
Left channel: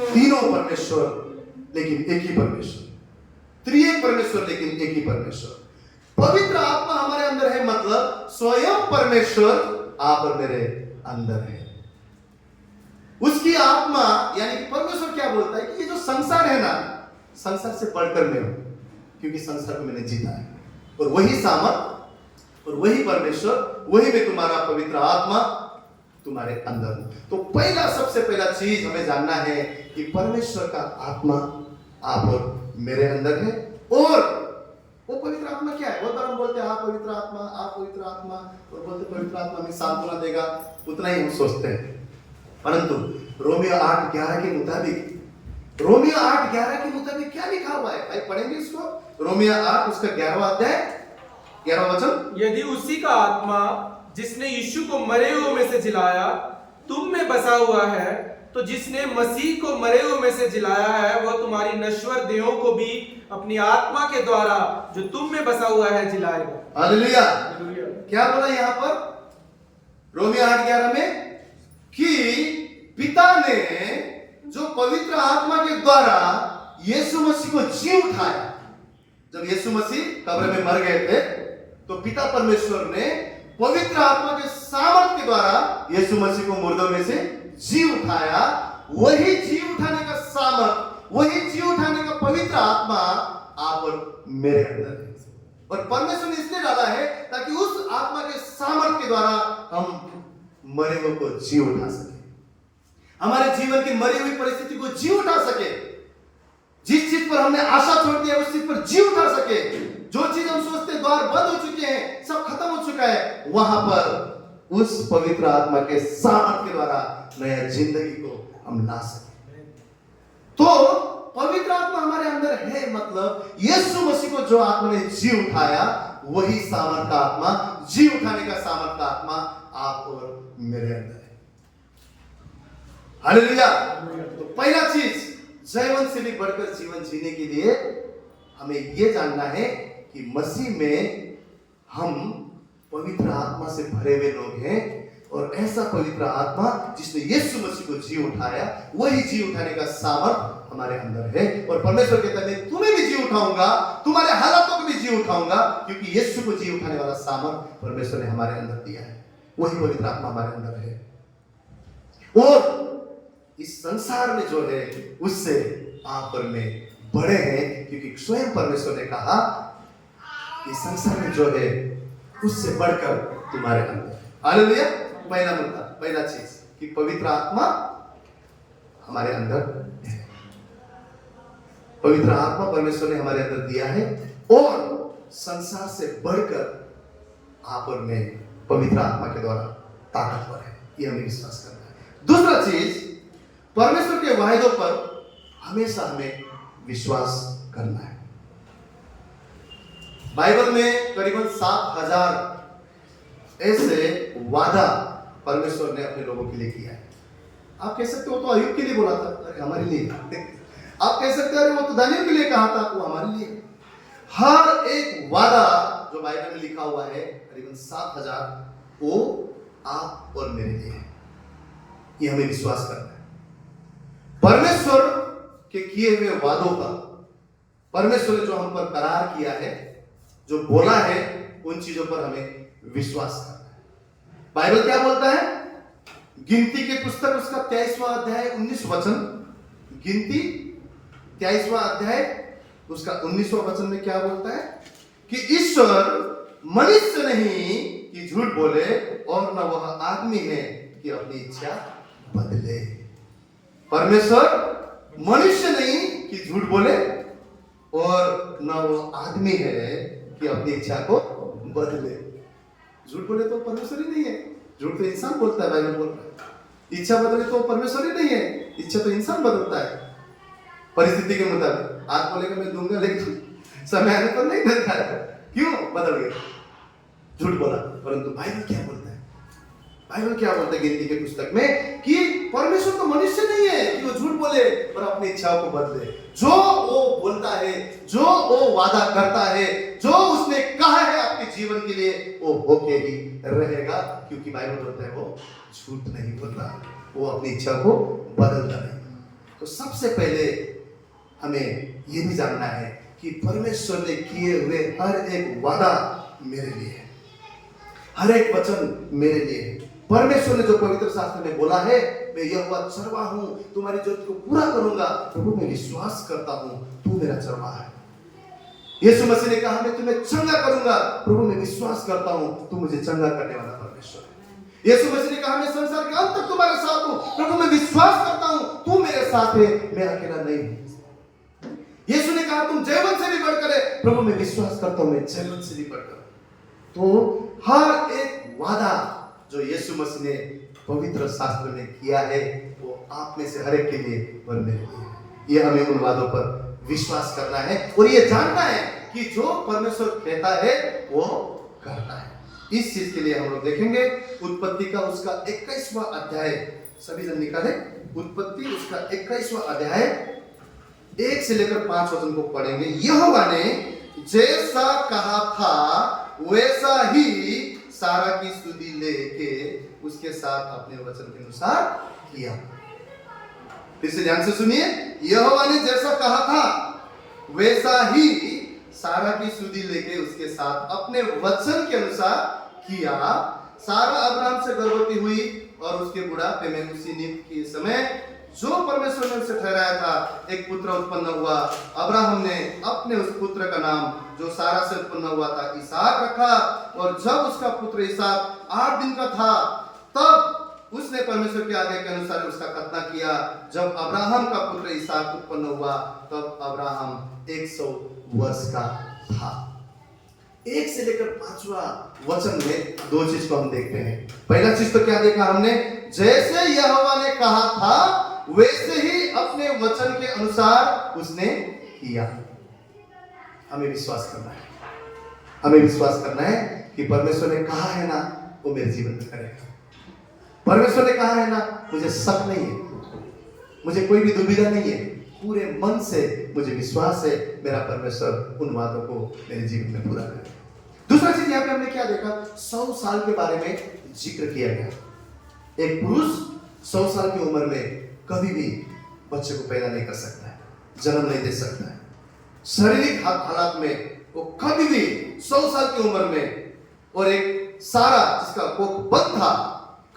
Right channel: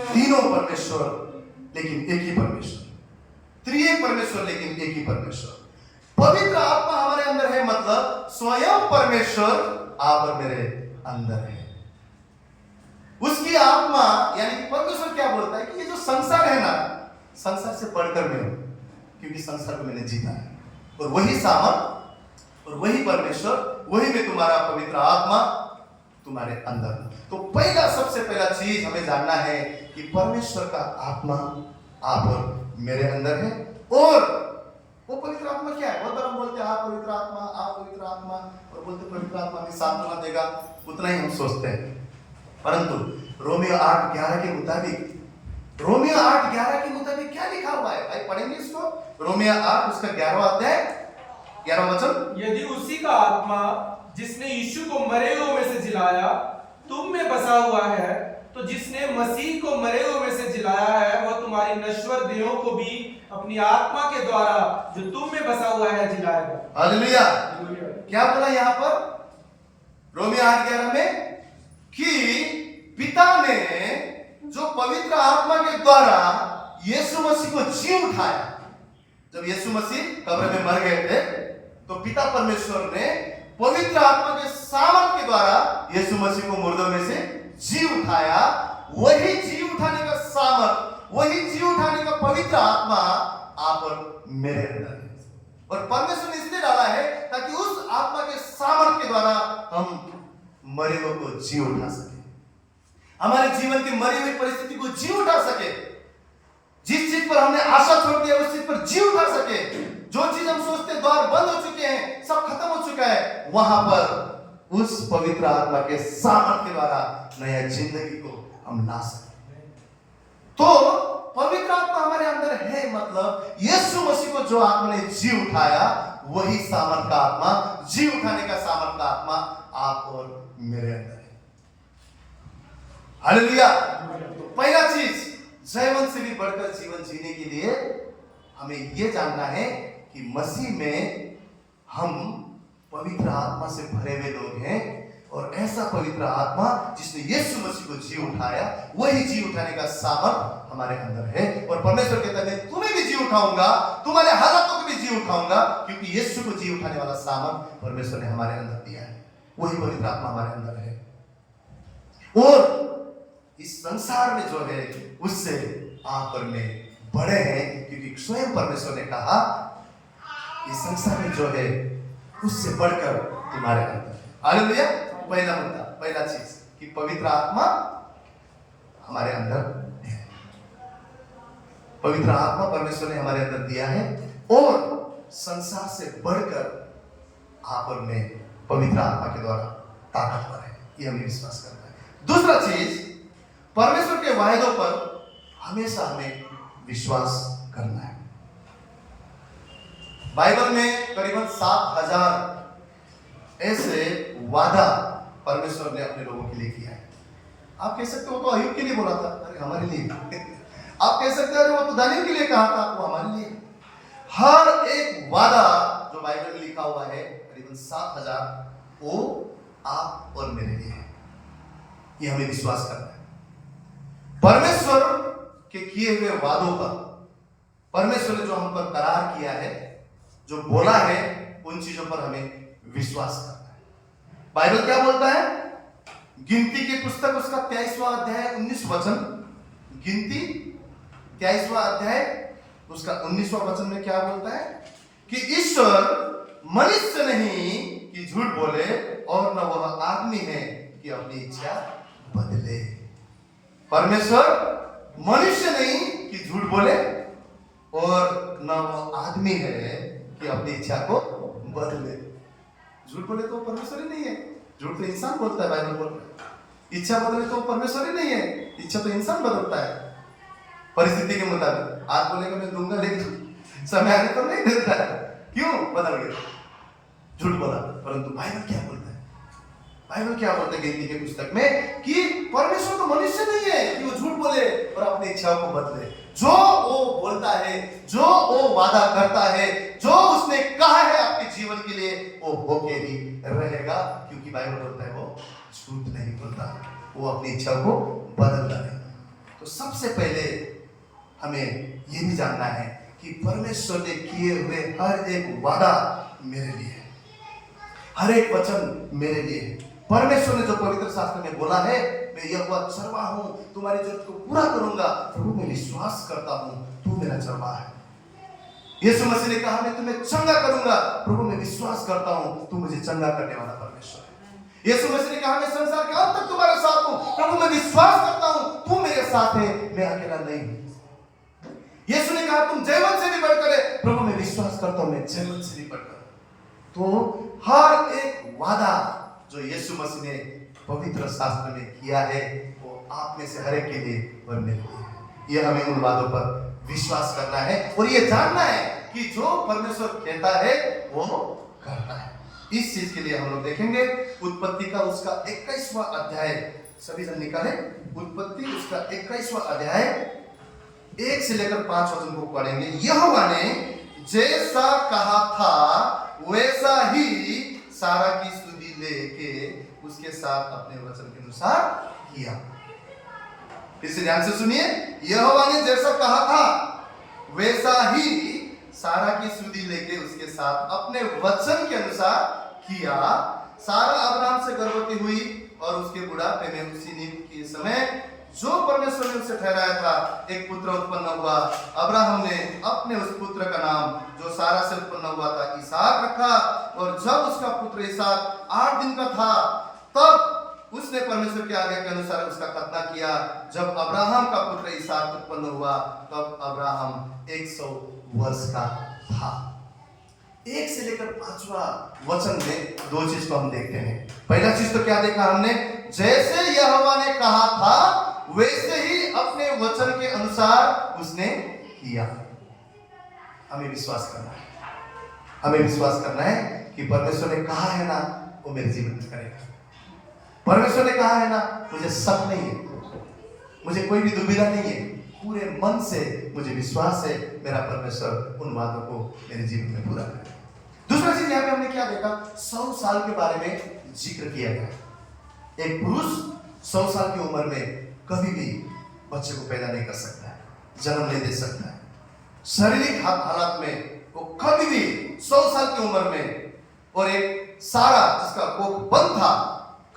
तीनों परमेश्वर लेकिन एक ही परमेश्वर। त्रिएक परमेश्वर लेकिन एक ही परमेश्वर। पवित्र आत्मा हमारे अंदर है, मतलब स्वयं परमेश्वर आप और मेरे अंदर है। उसकी आत्मा यानी कि परमेश्वर क्या बोलता है? कि ये जो संसार है ना, संसार से बढ़कर मैं हूं, क्योंकि संसार को मैंने जीता है। और वही सामर्थ और वही परमेश्वर, वही में तुम्हारा पवित्र आत्मा तुम्हारे अंदर। तो पहला, सबसे पहला चीज हमें जानना है कि परमेश्वर का आत्मा आप और मेरे अंदर है। और वो पवित्र आत्मा क्या है? बहुत बार हम बोलते हैं आप पवित्र आत्मा, आप पवित्र आत्मा, और बोलते पवित्र आत्मा हमें सांत्वना देगा, उतना ही हम सोचते हैं। परंतु रोमियो 8:11 के मुताबिक, रोमियो 8:11 के मुताबिक क्या लिखा हुआ है? भाई पढ़ेंगे इसको। रोमियो 8 उसका 11वां अध्याय 11वां वचन। यदि उसी का आत्मा जिसने यीशु को मरे हुए में से जिलाया तुम में बसा हुआ है, तो जिसने मसीह को मरे हुए में से जिलाया है वह तुम्हारी नश्वर देहों को भी अपनी आत्मा के द्वारा जो तुम में बसा हुआ है जिलाएगा। हालेलुया। क्या बोला यहाँ पर रोमियो 8:11 में? कि पिता ने जो पवित्र आत्मा के द्वारा यीशु मसीह को जी उठाया। जब यीशु मसीह कब्र में मर गए थे, तो पिता परमेश्वर ने पवित्र आत्मा के सामर्थ के द्वारा यीशु मसीह को मुर्दों में से जी उठाया। वही जी उठाने का सामर्थ, वही जी उठाने का पवित्र आत्मा आप और मेरे अंदर है। और परमेश्वर ने इसलिए डाला है ताकि उस आत्मा के सामर्थ के द्वारा हम मरे हुए को जी उठा सके, हमारे जीवन की मरी हुई परिस्थिति को जी उठा सके। जिस चीज पर हमने आशा छोड़ दी है उस चीज पर जी उठा सके। जो चीज हम सोचते द्वार बंद हो चुके हैं, सब खत्म हो चुका है, वहां पर उस पवित्र आत्मा के सामर्थ के द्वारा नया जिंदगी को हम ला सके। तो पवित्र आत्मा हमारे अंदर है, मतलब यीशु मसीह को जो आत्मा ने जी उठाया वही सामर्थ का आत्मा, जी उठाने का सामर्थ का आत्मा आप और मेरे अंदर है। हालेलुया। तो पहला चीज, जीवन से भी बढ़कर जीवन जीने के लिए हमें यह जानना है कि मसीह में हम पवित्र आत्मा से भरे हुए लोग हैं, और ऐसा पवित्र आत्मा जिसने यीशु मसीह को जी उठाया वही जी उठाने का सामर्थ हमारे अंदर है। और परमेश्वर कहता है मैं तुम्हें भी जी उठाऊंगा, तुम्हारे हालातों को भी जी उठाऊंगा, क्योंकि यीशु को जी उठाने वाला सामर्थ परमेश्वर ने हमारे अंदर दिया है, वही पवित्र आत्मा हमारे अंदर है। और इस संसार में जो है उससे आप और मैं बड़े हैं, क्योंकि स्वयं परमेश्वर ने कहा इस संसार में जो है उससे बढ़कर तुम्हारे अंदर। हालेलुया। पहला मुद्दा, पहला चीज कि पवित्र आत्मा हमारे अंदर है, पवित्र आत्मा परमेश्वर ने हमारे अंदर दिया है, और संसार से बढ़कर आप और मैं पवित्र आत्मा के द्वारा ताकतवर है, ये हमें विश्वास करना है। दूसरा चीज, परमेश्वर के वायदों पर हमेशा हमें विश्वास करना है। बाइबल में करीबन 7000 ऐसे वादा परमेश्वर ने अपने लोगों के लिए किया है। आप कह सकते हो तो अय्यूब के लिए बोला था, अरे हमारे लिए। आप कह सकते हो अरे वो तो दानियल के लिए कहा था, वो हमारे लिए। हर एक वादा जो बाइबल में लिखा हुआ है करीबन 7000, वो आप और मेरे लिए है, ये हमें विश्वास करना है। परमेश्वर के किए हुए वादों पर, परमेश्वर ने जो हम पर करार किया है, जो बोला है, उन चीजों पर हमें विश्वास करना है। बाइबल क्या बोलता है? गिनती की पुस्तक उसका 23वां अध्याय 19 वचन, गिनती 23वां अध्याय उसका 19वां वचन में क्या बोलता है कि ईश्वर मनुष्य नहीं कि झूठ बोले, और न वह आदमी है कि अपनी इच्छा बदले। परमेश्वर मनुष्य नहीं कि झूठ बोले, और न वो आदमी है कि अपनी इच्छा को बदले। झूठ बोले तो परमेश्वर ही नहीं है, झूठ तो इंसान बोलता है, बाइबल बोलता है। इच्छा बदले तो परमेश्वर ही नहीं है, इच्छा तो इंसान बदलता है परिस्थिति के मुताबिक। आज बोलेगा मैं दूंगा, लेकिन समय आने पर नहीं देता है, क्यों? बदल गया, झूठ बोला। परंतु बाइबल क्या बोलता है? बाइबल क्या बोलता है गिनती के पुस्तक में कि परमेश्वर तो मनुष्य नहीं है कि वो झूठ बोले और अपनी इच्छाओं को बदले। जो वो बोलता है, जो वो वादा करता है, जो उसने कहा है आपके जीवन के लिए, वो होके ही रहेगा, क्योंकि बाइबल बोलता है वो झूठ नहीं बोलता, वो अपनी इच्छा को बदलता नहीं। तो सबसे पहले हमें ये भी जानना है कि परमेश्वर ने किए हुए हर एक वादा मेरे लिए है, हर एक वचन मेरे लिए है। परमेश्वर ने जो पवित्र शास्त्र में बोला है, मैं यहोवा चरवाहा हूं, तुम्हारी जरूरत को पूरा करूंगा, प्रभु मैं विश्वास करता हूं तू मेरा चरवाहा है। यीशु मसीह ने कहा मैं तुम्हें चंगा करूंगा, प्रभु मैं विश्वास करता हूं तू मुझे चंगा करने वाला परमेश्वर है। यीशु मसीह ने कहा मैं संसार के अंत तक तुम्हारे साथ हूं, प्रभु मैं विश्वास करता हूं तू मेरे साथ है, मैं अकेला नहीं हूं। यीशु ने कहा तुम जीवन से भी बढ़कर है, प्रभु मैं विश्वास करता हूं मैं जीवन से भी बढ़कर। तो हर एक वादा जो यीशु मसीह ने पवित्र शास्त्र में किया है, वो आप में से हर एक के लिए और मेरे लिए है। ये हमें उन वादों पर विश्वास करना है, और ये जानना है कि जो परमेश्वर कहता है वो करता है। इस चीज के लिए हम लोग देखेंगे उत्पत्ति का उसका 21वां अध्याय, सभी जन निकाले, उत्पत्ति उसका 21वां अध्याय 1 से लेकर 5 वचन को पढ़ेंगे। यहोवा ने जैसा कहा था वैसा ही सारा की स्तुति लेके उसके साथ अपने वचन के अनुसार किया। फिर से ध्यान से सुनिए, यहोवा ने जैसा कहा था वैसा ही सारा की स्तुति लेके उसके साथ अपने वचन के अनुसार किया। सारा अब्राहम से गर्भवती हुई और उसके बुढ़ापे में उसी नियुक्त के समय जो परमेश्वर ने उसे ठहराया था एक पुत्र उत्पन्न हुआ। अब्राहम ने अपने उस पुत्र का नाम जो सारा से उत्पन्न हुआ था इसहाक रखा, और जब उसका पुत्र इसहाक 8 दिन का था तब उसने परमेश्वर के आज्ञा के अनुसार उसका खतना किया। जब अब्राहम का पुत्र इसहाक उत्पन्न हुआ तब अब्राहम 100 वर्ष का था। 1 से लेकर 5वां वचन में 2 चीज को हम देखते हैं। पहला चीज तो क्या देखा हमने? जैसे यहोवा ने कहा था वैसे ही अपने वचन के अनुसार उसने किया। हमें विश्वास करना है, हमें विश्वास करना है कि परमेश्वर ने कहा है ना, वो मेरे जीवन में करेगा। परमेश्वर ने कहा है ना, मुझे शक नहीं है, मुझे कोई भी दुविधा नहीं है, पूरे मन से मुझे विश्वास है मेरा परमेश्वर उन बातों को मेरे जीवन में पूरा करेगा। दूसरा चीज यहाँ पे हमने क्या देखा, 100 साल के बारे में जिक्र किया गया। एक पुरुष 100 साल की उम्र में कभी भी बच्चे को पैदा नहीं कर सकता है, जन्म नहीं दे सकता है। शारीरिक हालात में वो कभी भी 100 साल की उम्र में, और एक सारा जिसका कोख बंद था,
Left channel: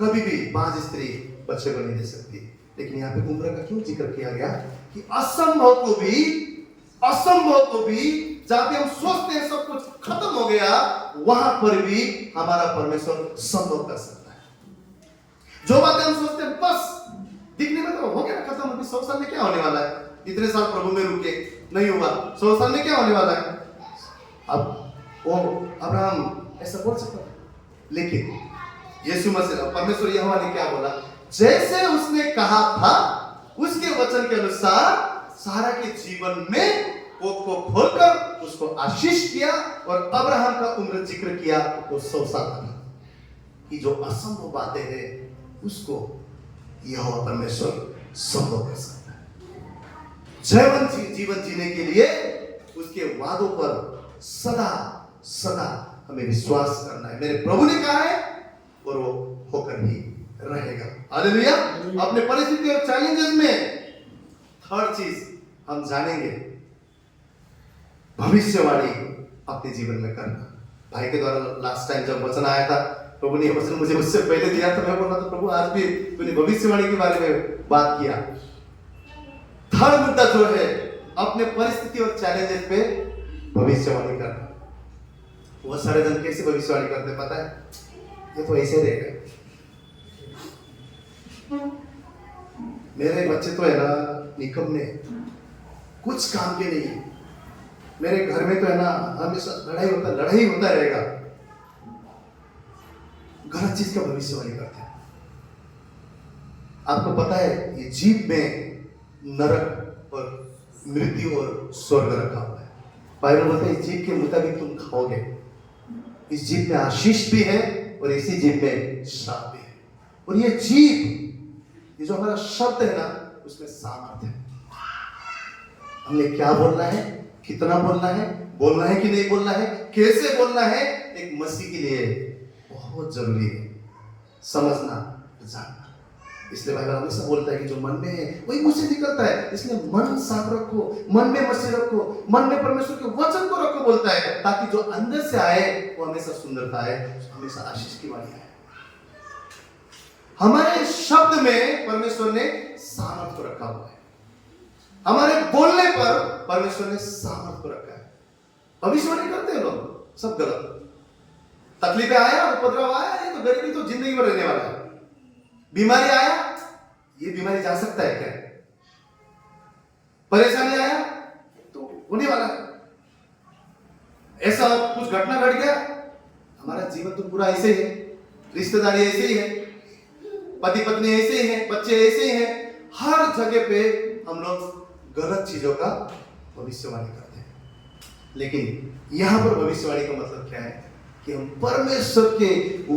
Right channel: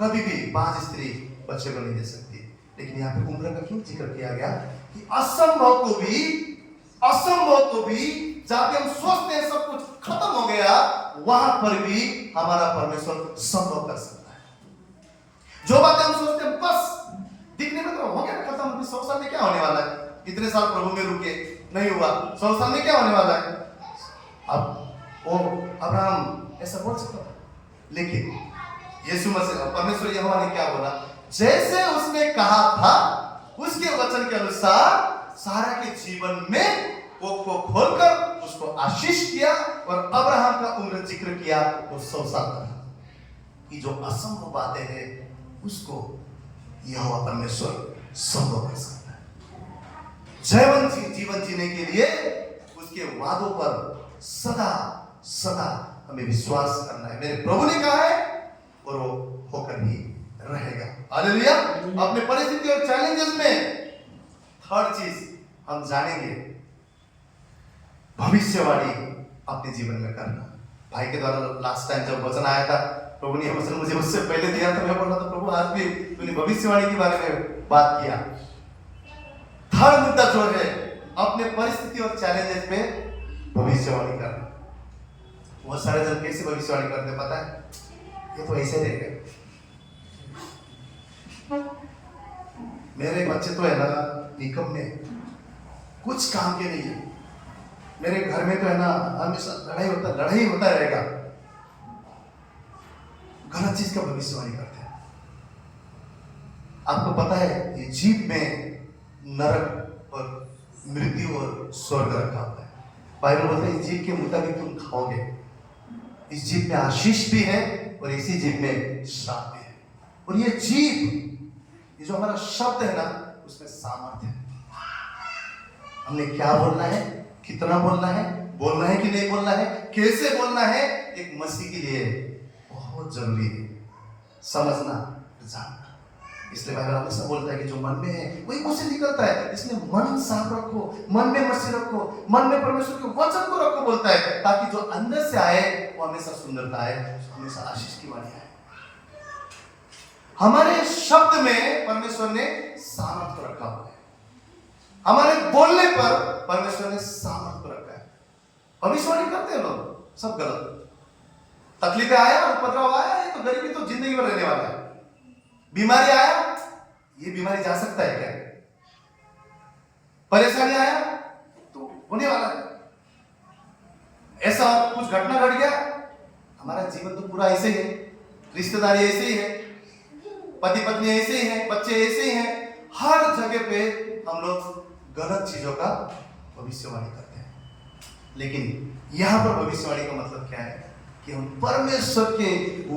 कभी भी बांझ स्त्री बच्चे को नहीं दे सकती। लेकिन यहाँ पे उम्र का क्यों जिक्र किया गया कि असंभव को भी जहां पे हम सोचते हैं सब कुछ खत्म हो गया, वहां पर भी हमारा परमेश्वर संभव कर सकता है। जो बातें हम सोचते हैं बस दिखने में तो हो गया ना, खत्म, अभी 100 साल में क्या होने वाला है, इतने साल प्रभु में रुके नहीं हुआ, 100 साल में क्या होने वाला है। अब वो अब्राहम ऐसा बोल सकता, लेकिन यीशु मसीह परमेश्वर यहोवा ने क्या बोला, जैसे उसने कहा था उसके वचन के अनुसार सारा के जीवन में कोख को खोलकर उसको आशीष किया, और अब्राहम का उम्र जिक्र किया, वो 100 साल था। कि जो असंभव बातें हैं उसको यहोवा परमेश्वर संभव कर सकता है। जीवन जीने के लिए उसके वादों पर सदा सदा हमें विश्वास करना है। मेरे प्रभु ने कहा है और वो होकर ही रहेगा। हालेलुया। अपने परिस्थिति और चैलेंजेस में थर्ड चीज हम जानेंगे, भविष्यवाणी अपने जीवन में करना। भाई के द्वारा लास्ट टाइम जब वचन आया था, प्रभु ने वचन मुझे उससे पहले दिया, तो मैं बोल रहा था प्रभु आज भी तूने भविष्यवाणी के बारे में बात किया। थर्ड मुद्दा जो है, अपने परिस्थिति और चैलेंजेस पे भविष्यवाणी करना। बहुत सारे जन कैसे भविष्यवाणी करते पता है, ये तो ऐसे रहेगा, मेरे बच्चे तो है ना निकम्मे, कुछ काम के नहीं, मेरे घर में तो है ना हमेशा लड़ाई होता रहेगा। गलत चीज का भविष्यवाणी करते हैं। आपको पता है ये जीभ में नरक और मृत्यु और स्वर्ग रखा हुआ है। बाइबल बोलता है इस जीभ के मुताबिक तुम खाओगे। इस जीभ में आशीष भी है और इसी जीभ में श्राप भी है। और ये जीभ, ये जो हमारा शब्द है ना, उसमें सामर्थ्य है। हमने क्या बोलना है, कितना बोलना है कि नहीं बोलना है, कैसे बोलना है, एक मसीह के लिए बहुत जरूरी है समझना, जानना। इसलिए बाइबल हमेशा बोलता है कि जो मन में है वही मुंह से निकलता है। इसलिए मन साफ रखो, मन में मसीह रखो, मन में परमेश्वर के वचन को रखो बोलता है, ताकि जो अंदर से आए वो हमेशा सुंदरता आए, हमेशा आशीष की वाणी आए। हमारे शब्द में परमेश्वर ने सामर्थ को रखा हुआ है। हमारे बोलने पर परमेश्वर ने सामर्थ को रखा है। भविष्यवाणी करते हैं लोग, सब गलत। तकलीफें आया, उपद्रव आया, ये तो गरीबी तो जिंदगी में रहने वाला है। बीमारी आया, ये बीमारी जा सकता है क्या? परेशानी आया तो होने वाला है। ऐसा कुछ घटना घट गया, हमारा जीवन तो पूरा ऐसे ही है, रिश्तेदारी ऐसे ही है, पति पत्नी ऐसे ही है, बच्चे ऐसे ही हैं। हर जगह पे हम लोग गलत चीजों का भविष्यवाणी करते हैं। लेकिन यहां पर भविष्यवाणी का मतलब क्या है कि हम परमेश्वर के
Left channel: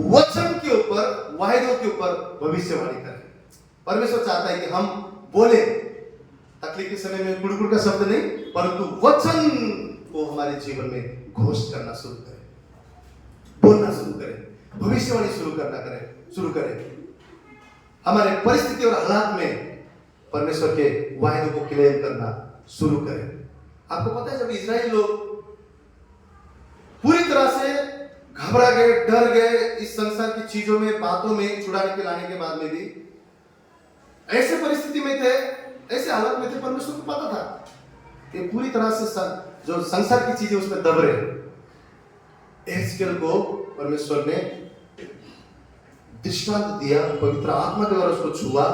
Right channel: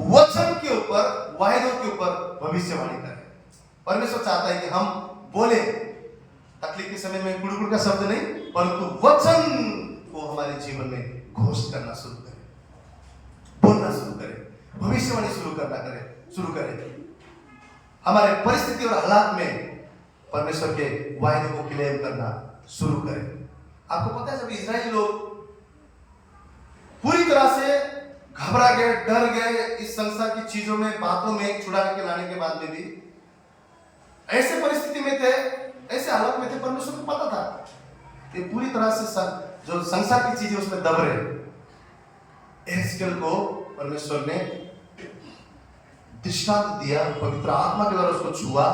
वचन के ऊपर, वायदों के ऊपर भविष्यवाणी करें। परमेश्वर चाहता है कि हम बोले, तकलीफ के समय में गुड़गुड़ का शब्द नहीं, परंतु वचन को हमारे जीवन में घोषित करना शुरू करें, बोलना शुरू करें, भविष्यवाणी शुरू करें। हमारे परिस्थिति और हालात में परमेश्वर के वायदों को क्लेम करना शुरू करें। आपको पता है जब इजराइल लोग पूरी तरह से घबरा गए, डर गए, इस संसार की चीजों में, बातों में छुड़ाने के लाने के बाद में भी ऐसे परिस्थिति में थे, ऐसे हालत में थे, परमेश्वर को पता था कि पूरी तरह से जो संसार की चीजें उसमें दब रहे। एहजकेल को परमेश्वर ने दृष्टांत दिया, पवित्र आत्मा के द्वारा उसको छुआ,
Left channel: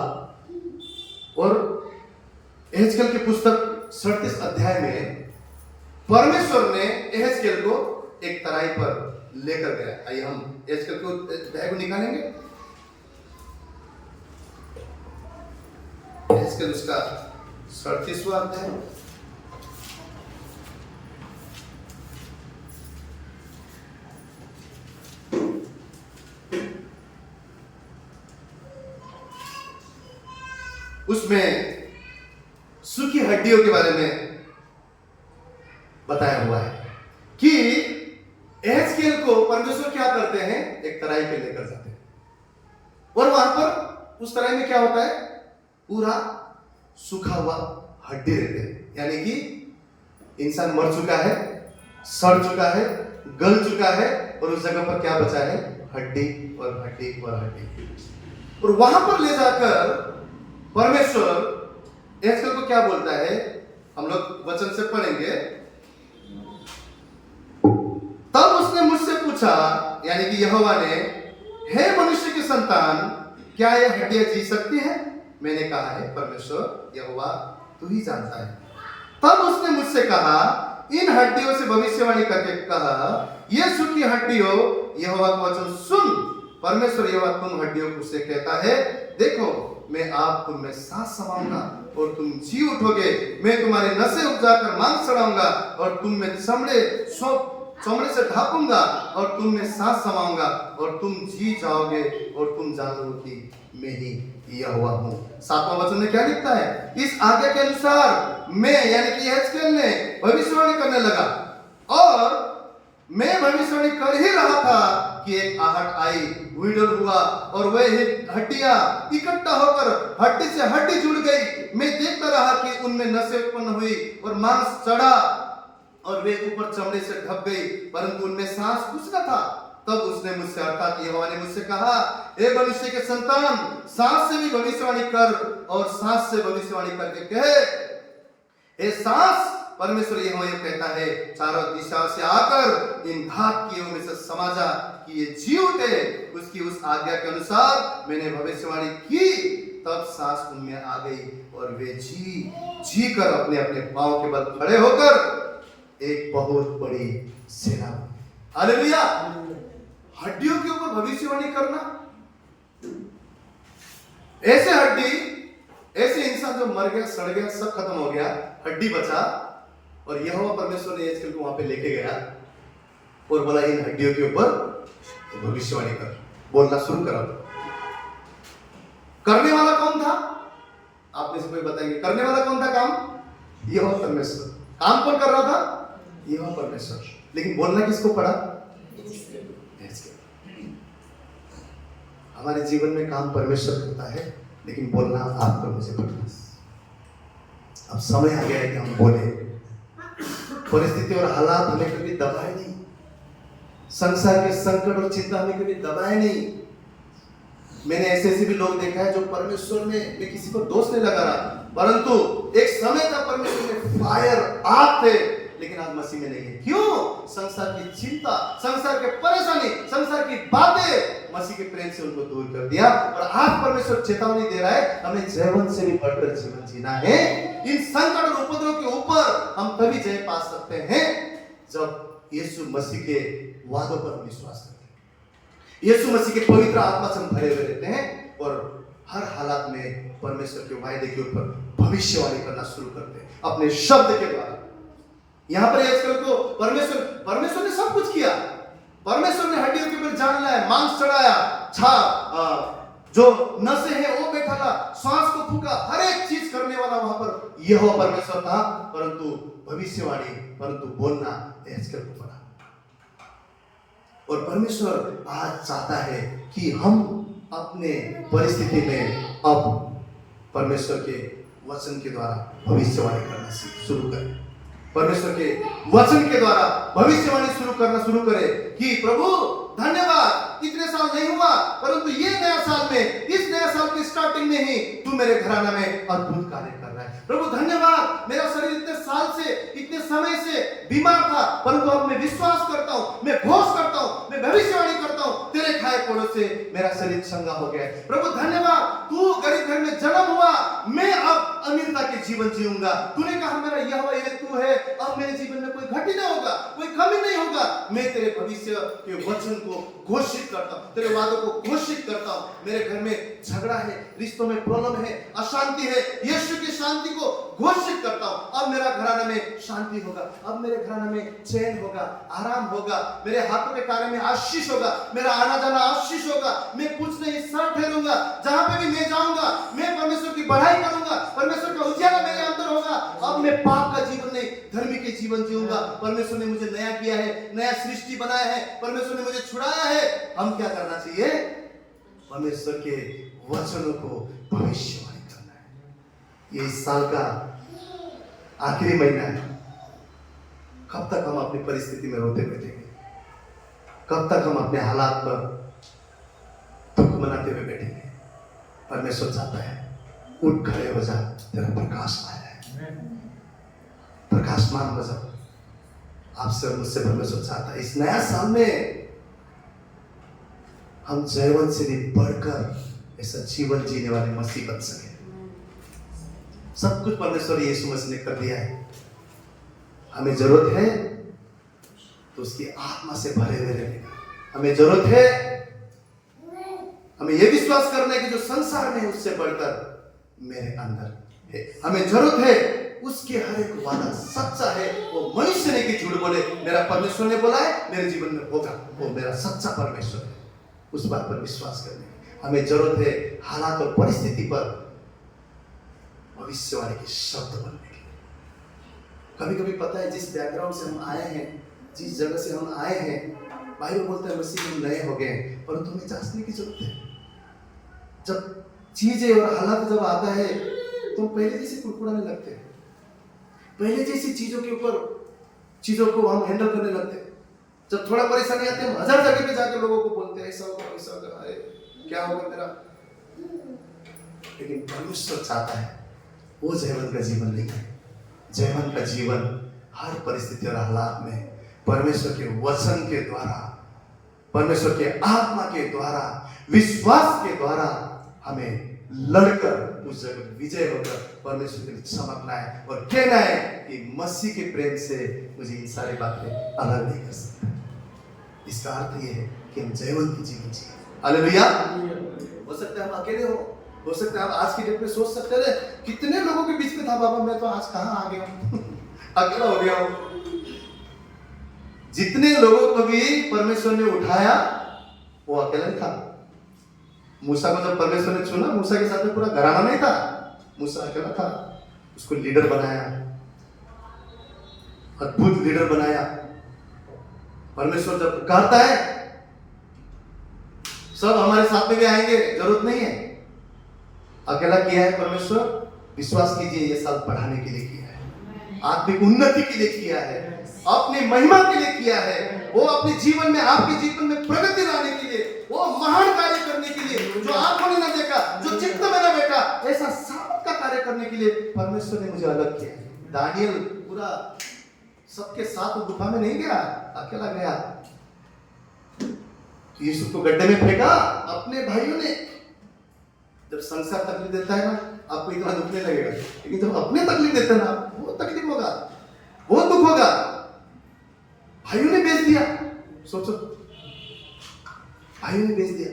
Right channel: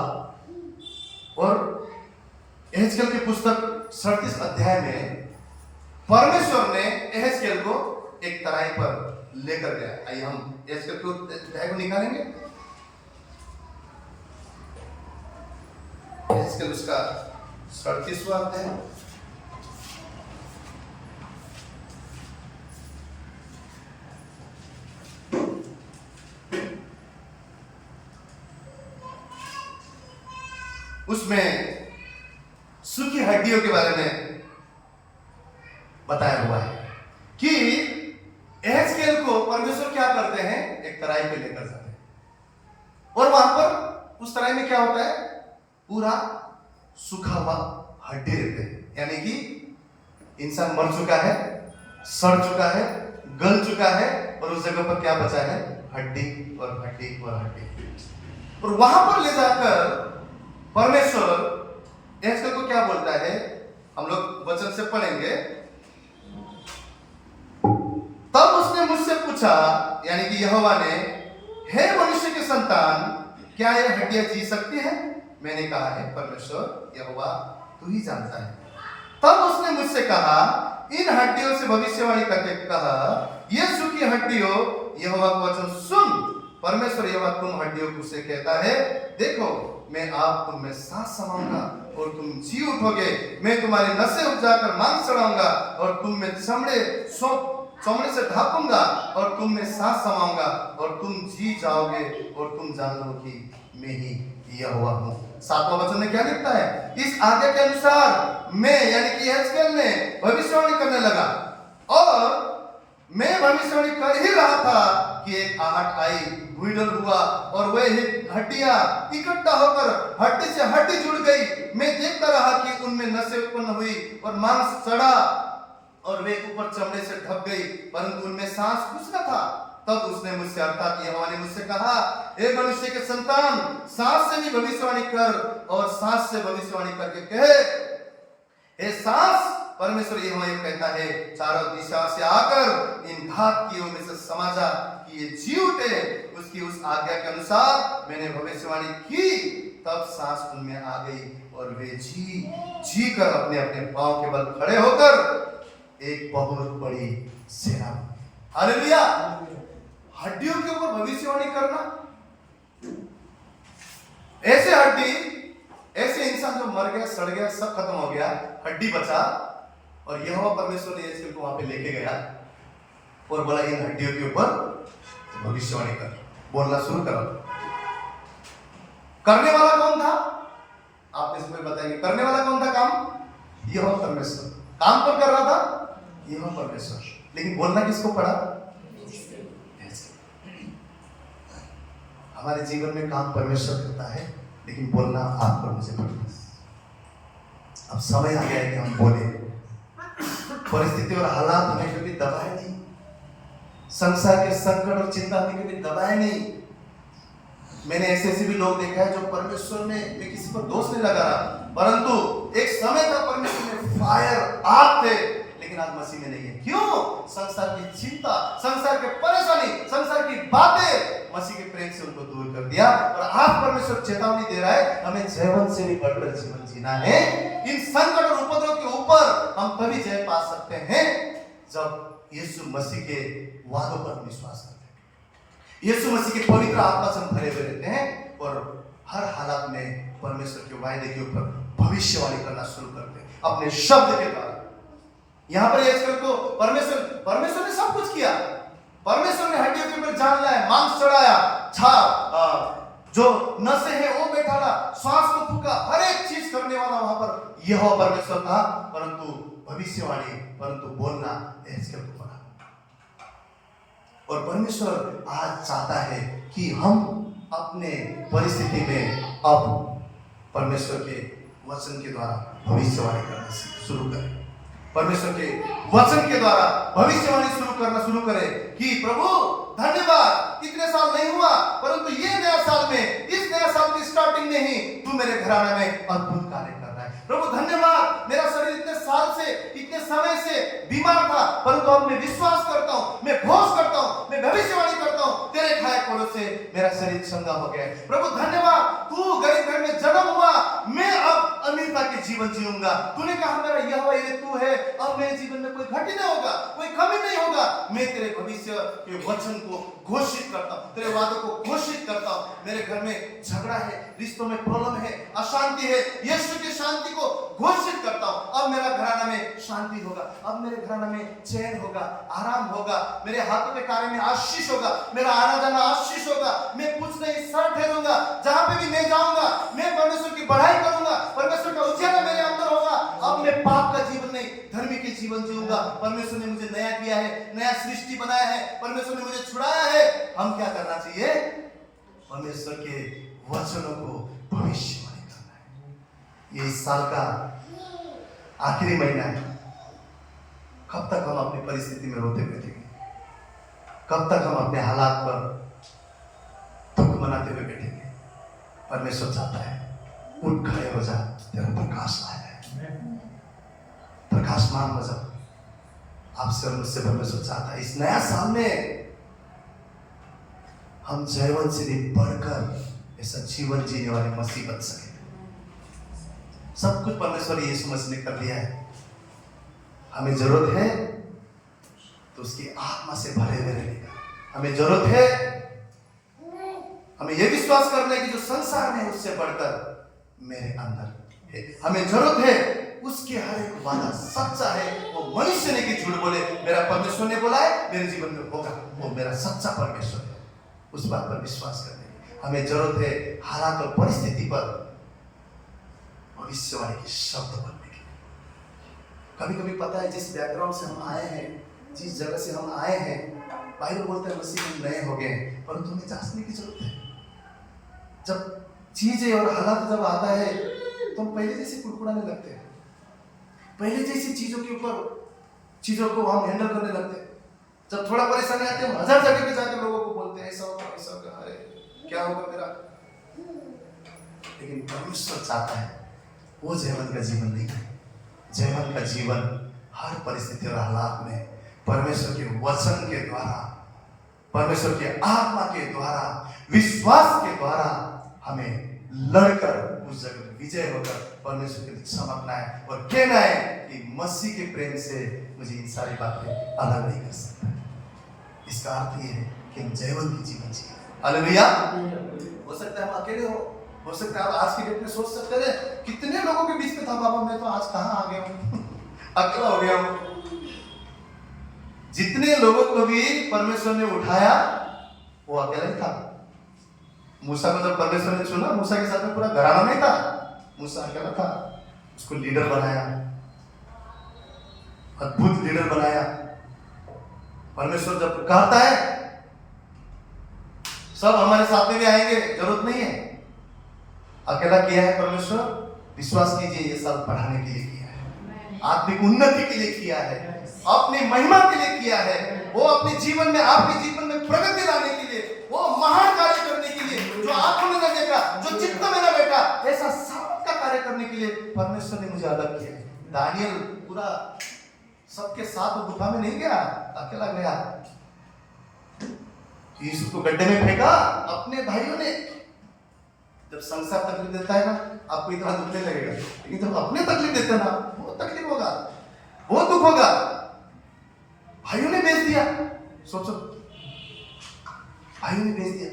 और एहजकेल की पुस्तक 37 अध्याय में परमेश्वर ने एहजकेल को एक तराई पर लेकर गया। आइए हम एहजकेल के अध्याय को निकालेंगे। एहेजकेल उसका 37वां अध्याय, उसमें सूखी हड्डियों के बारे में बताया हुआ है कि एहेजकेल को परमेश्वर क्या करते हैं, एक तराई पे लेकर जाते हैं और वहां पर उस तराई में क्या होता है, पूरा सूखा हुआ हड्डी रहते हैं, यानी कि इंसान मर चुका है, सड़ चुका है, गल चुका है और उस जगह पर क्या बचा है, हड्डी और हड्डी और हड्डी। और वहां पर ले जाकर परमेश्वर एहेजकेल को क्या बोलता है, हम लोग वचन से पढ़ेंगे। तब उसने मुझसे पूछा, यानी कि यहोवा ने, हे मनुष्य के संतान, क्या यह हड्डियां जी सकती हैं? मैंने कहा है परमेश्वर यहोवा तू ही जानता है। तब उसने मुझसे कहा, इन हड्डियों से भविष्यवाणी करके कहा, ये सूखी हड्डियों यहोवा का वचन सुन। परमेश्वर यहोवा तुम हड्डियों को से कहता है, देखो मैं आप तुम में सांस समाऊंगा और तुम जी उठोगे, मैं तुम्हारी नसें उपजाकर मांस चढ़ाऊंगा और तुम में चमड़े से ढांपूंगा और तुम में सांस समाऊंगा और तुम जी जाओगे और तुम जानोगे कि मैं ही यहोवा हूं। 7वां वचन में क्या लिखता है, इस आज्ञा के अनुसार मैं, यानी कि एहेजकेल ने भविष्यवाणी करने लगा और मैं भविष्यवाणी कर ही रहा था कि एक आहट आई, भूइंडल हुआ और वह हड्डियां इकट्ठा होकर हड्डी से हड्डी जुड़ गई। मैं देखता रहा कि उनमें नसें उत्पन्न हुई और मांस चढ़ा और वे ऊपर चमड़े से ढक गई, परंतु उनमें सांस कुछ न था। तब उसने मुझसे, अर्थात यहोवा ने मुझसे कहा, हे मनुष्य के संतान, सांस से भी भविष्यवाणी कर और सांस से भविष्यवाणी करके कहे, हे सांस, परमेश्वर यहोवा ये कहता है, चारों दिशा से आकर इन घात किए में से समाजा कि ये जी उठे। उसकी उस आज्ञा के अनुसार मैंने भविष्यवाणी की, तब सांस उनमें आ गई और वे जी कर अपने अपने पांव के बल खड़े होकर एक बहुत बड़ी सेना। हालेलुया। हड्डियों के ऊपर भविष्यवाणी करना, ऐसे हड्डी, ऐसे इंसान जो मर गया, सड़ गया, सब खत्म हो गया, हड्डी बचा और यहोवा परमेश्वर ने एहेजकेल को वहां पे लेके गया और बोला, इन हड्डियों के ऊपर भविष्यवाणी कर, बोलना शुरू करो। करने वाला कौन था? आप में से कोई बताएंगे, करने वाला कौन था काम? यहोवा परमेश्वर। काम कौन कर रहा था? यहोवा परमेश्वर। लेकिन बोलना किसको पड़ा? हमारे जीवन में काम परमेश्वर करता है, लेकिन बोलना आपको मुझे पड़ता। अब समय आ गया है कि हम बोले। परिस्थिति और हालात हमें कभी दबाए नहीं, संसार के संकट और चिंता हमें कभी दबाए नहीं। मैंने ऐसे भी लोग देखा है जो परमेश्वर में, मैं किसी को दोष नहीं लगा रहा, परंतु एक समय था परमेश्वर में फायर, आग थे, लेकिन आज मसीह में नहीं है। क्यों? संसार की चिंता, संसार के परेशानी, संसार की बातें मसीह के प्रेम से उनको दूर कर दिया। और आज परमेश्वर चेतावनी दे रहा है, हमें जीवन से भी बढ़कर जीवन जीना है। इन संकट और उपद्रव के ऊपर हम तभी जय पा सकते हैं जब यीशु मसीह के वादों पर विश्वास करते हैं, यीशु मसीह के पवित्र आत्मा से भरे हुए रहते हैं और हर हालत में परमेश्वर के वायदे के ऊपर भविष्यवाणी करना शुरू करते हैं अपने शब्द के द्वारा। यहां पर एहेजकेल को परमेश्वर ने सब कुछ किया। परमेश्वर ने हड्डियों के ऊपर जान लाया, मांस चढ़ाया, जो नसें हैं वो बैठाला, श्वास को फूका, हर एक चीज करने वाला वहां पर यहोवा परमेश्वर था, परंतु भविष्यवाणी, परंतु बोलना एहेजकेल को पड़ा। और परमेश्वर आज चाहता है कि हम अपने परिस्थिति में अब परमेश्वर के वचन के द्वारा भविष्यवाणी करना शुरू करें। परमेश्वर के वचन के द्वारा भविष्यवाणी करना शुरू करें कि प्रभु धन्यवाद, इतने साल नहीं हुआ, परंतु ये नया साल में, इस नया साल की स्टार्टिंग में ही तू मेरे घराना में अद्भुत कार्य कर रहा है। प्रभु धन्यवाद, मेरा शरीर इतने साल से, इतने समय से बीमार था, परंतु अब मैं विश्वास करता हूं, मैं घोष करता हूं, मैं भविष्यवाणी करता हूं, तेरे खाए पड़ों से मेरा शरीर चंगा हो गया। प्रभु धन्यवाद, तू गरीब घर में जन्म हुआ, मैं अब अमीरता के जीवन जीऊंगा। तूने कहा मेरा यहोवा ये तू है, अब मेरे जीवन में कोई घटी नहीं होगा, कोई कमी नहीं होगा। मैं तेरे भविष्य के वचन को घोषित करता हूं, तेरे वादों को घोषित करता हूं। मेरे घर में झगड़ा है रिश्तों में प्रॉब्लम है, अशांति है, यीशु की शांति को घोषित करता हूं। अब मेरा घराना में शांति होगा, अब मेरे घराना में चैन होगा, आराम होगा, मेरे हाथों के कार्य में आशीष होगा, मेरा आना जाना आशीष होगा, मैं कुछ नहीं सर ठहरूंगा, जहां पे भी मैं जाऊंगा मैं परमेश्वर की बढ़ाई करूंगा, परमेश्वर का उजियाला मेरे अंदर होगा। अब मैं पाप का जीवन नहीं, धर्मी के जीवन जीऊंगा। परमेश्वर ने मुझे नया किया है, नया सृष्टि बनाया है, परमेश्वर ने मुझे छुड़ाया है। हम क्या करना चाहिए? परमेश्वर के वचनों को भविष्यवाणी करना है। ये इस साल का आखिरी महीना है। कब तक हम अपनी परिस्थिति में रोते बैठेंगे? कब तक हम अपने हालात पर दुख मनाते हुए बैठेंगे? परमेश्वर चाहता है उठ खड़े हो जा, तेरा प्रकाश आ जाए, प्रकाशमान हो जा। आपसे और मुझसे परमेश्वर चाहता है इस नया साल में हम जयवंत से भी बढ़कर ऐसा जीवन जीने वाले मसीह बन सके। सब कुछ परमेश्वर यीशु मसीह ने कर दिया है। हमें जरूरत है तो उसकी आत्मा से भरे हुए रहने का। हमें जरूरत है, हमें यह विश्वास करने की जो संसार में है उससे बढ़कर मेरे अंदर है। हमें जरूरत है उसके हर एक वादा सच्चा है, वो मनुष्य ने कि झूठ बोले, मेरा परमेश्वर ने बोला है मेरे जीवन में होगा, वो मेरा सच्चा परमेश्वर है। उस बात पर विश्वास करने की हमें जरूरत है। हालात और परिस्थिति पर भविष्यवाणी के शब्द बनने की। कभी कभी पता है जिस बैकग्राउंड से हम आए हैं, जिस जगह से हम आए हैं, बाइबल बोलता है मसीह में हम नए हो गए, परंतु हमें जांचने की जरूरत है। जब चीजें और हालात जब आता है तो हम पहले जैसे कुड़कुड़ाने लगते हैं, पहले जैसी चीजों को हम हैंडल करने लगते हैं। जब थोड़ा परेशानी आती है हम हजार जगह पे जाकर लोगों को बोलते हैं ऐसा होगा वैसा होगा, अरे क्या होगा मेरा। लेकिन परमेश्वर चाहता है वो जयवंत का जीवन नहीं है। जयवंत का जीवन हर परिस्थिति और हालात में परमेश्वर के वचन के द्वारा, परमेश्वर के आत्मा के द्वारा, विश्वास के द्वारा हमें लड़कर उस जगह पर विजय होकर परमेश्वर के लिए चमकना है और कहना है कि मसीह के प्रेम से मुझे इन सारी बातें अलग नहीं कर सकता। इसका अर्थ ये है कि हम जयवंत की जीवन जिए। हालेलुया। हो सकता है हम अकेले हो सकता है आप आज की डेट में सोच सकते हैं कितने लोगों के बीच में था बाबा, मैं तो आज कहां आ गया हूं अकेला हो गया हूं। जितने लोगों को भी परमेश्वर ने उठाया वो अकेला ही था। मूसा को जब परमेश्वर ने चुना, मूसा के साथ में पूरा घराना नहीं था, मूसा अकेला था। उसको लीडर बनाया, अद्भुत लीडर बनाया। परमेश्वर जब पुकारता है सब हमारे साथ में भी आएंगे, जरूरत नहीं है। अकेला किया है परमेश्वर, विश्वास कीजिए ये साल बढ़ाने के लिए किया है, आत्मिक उन्नति के लिए किया है, अपनी महिमा के लिए किया है। वो अपने जीवन में, आपके जीवन में प्रगति लाने के लिए, वो महान कार्य करने के लिए जो आंखों ने न देखा, जो चित्त में न बैठा, ऐसा सामर्थ का कार्य करने के लिए परमेश्वर ने मुझे अलग किया है। दानियल पूरा सबके साथ गुफा में नहीं गया, अकेला गया। यीशु को गड्ढे में फेंका अपने भाइयों ने। जब संसार तकलीफ देता है ना, आपको इतना दुख नहीं लगेगा, लेकिन जब अपने तकलीफ देते हैं ना, बहुत तकलीफ होगा, बहुत दुख होगा। भाइयों ने बेच दिया, सोचो, भाइयों ने बेच दिया,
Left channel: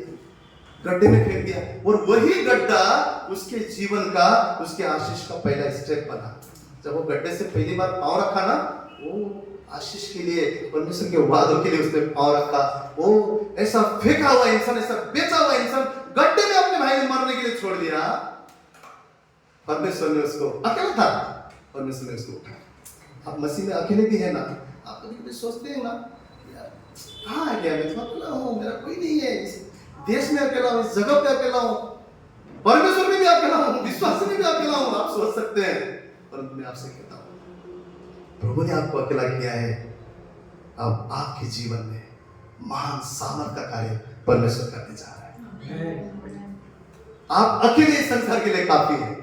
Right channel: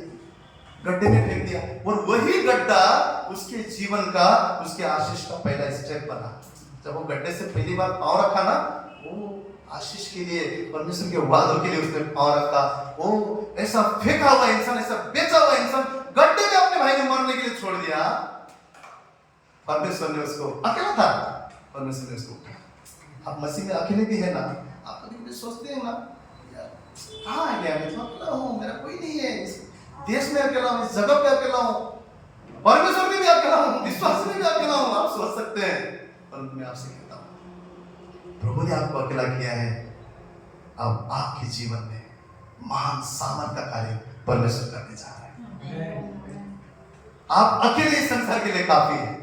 गड्ढे में फेंक दिया, और वही गड्ढा उसके जीवन का, उसके आशीष का पहला स्टेप बना। जब वो गड्ढे से पहली बार पांव रखा ना, वो आशीष के लिए, परमेश्वर के वादों के लिए उसने पांव रखा। वो ऐसा फेंका हुआ इंसान, ऐसा बेचा हुआ इंसान गड्ढे में अपने भाई को मरने के लिए छोड़ दिया। परमेश्वर ने उसको, अकेला था, परमेश्वर ने उसको उठाया। आप मसीह में अकेले भी है ना, आप कभी कभी सोचते हैं ना, यार कहाँ आ गया, मैं तो अकेला हूँ, मेरा कोई नहीं है, इस देश में अकेला हूँ, इस जगह पे अकेला हूँ, परमेश्वर में भी अकेला हूँ, विश्वास में भी अकेला हूँ। आप सोच सकते हैं, परंतु मैं आपसे कहता हूँ प्रभु ने आपको अकेला किया है। अब आपके जीवन में महान सामर्थ का कार्य परमेश्वर करने जा रहा है। आप अकेले इस संसार के लिए काफी है,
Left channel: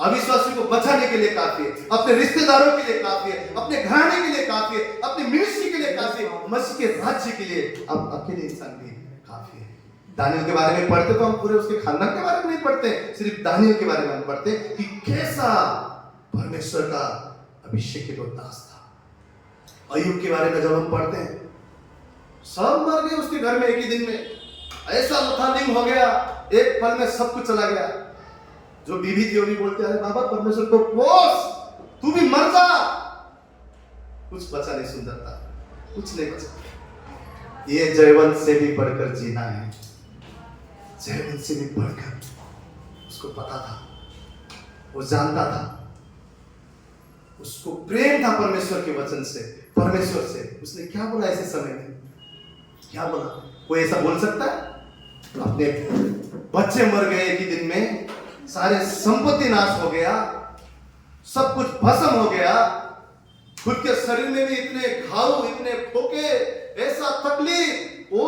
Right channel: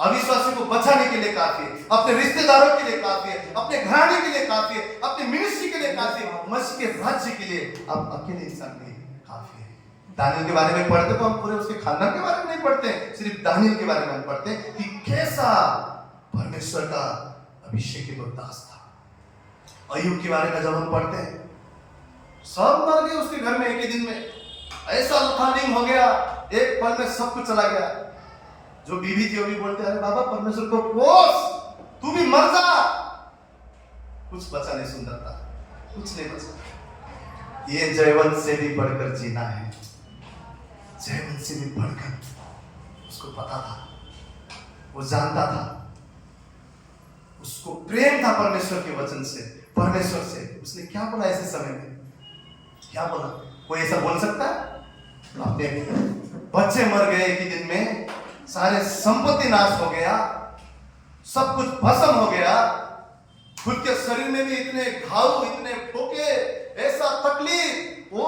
अविश्वासी को बचाने के लिए काफी है, अपने रिश्तेदारों के लिए काफी है, अपने घराने के लिए काफी है, अपने मिनिस्ट्री के लिए काफी है, मसीह के राज्य के लिए आप अकेले इंसान भी काफी है। दानियल के बारे में पढ़ते तो हम पूरे उसके खानदान के बारे में नहीं पढ़ते, सिर्फ दानियल के बारे में हम पढ़ते कि कैसा परमेश्वर का अभिषेक दास था। अय्यूब के बारे में जब हम पढ़ते हैं, सब मर गए उसके घर में एक ही दिन में, ऐसा लथालिंग हो गया, एक पल में सब कुछ चला गया। जो बीवी थी वो भी बोलते हैं बाबा परमेश्वर को कोस, तू भी मर जा। कुछ बचा नहीं सुंदरता, कुछ नहीं बचा। ये जयवंत से भी बढ़कर जीना है, जयवंत से भी बढ़कर। उसको पता था, वो जानता था, उसको प्रेम था परमेश्वर के वचन से, परमेश्वर से। उसने क्या बोला ऐसे समय में? क्या बोला? कोई ऐसा बोल सकता है? अपने बच्चे मर गए एक ही दिन में, सारे संपत्ति नाश हो गया, सब कुछ भस्म हो गया, खुद के शरीर में भी इतने घाव, इतने फोके, ऐसा तकलीफ। वो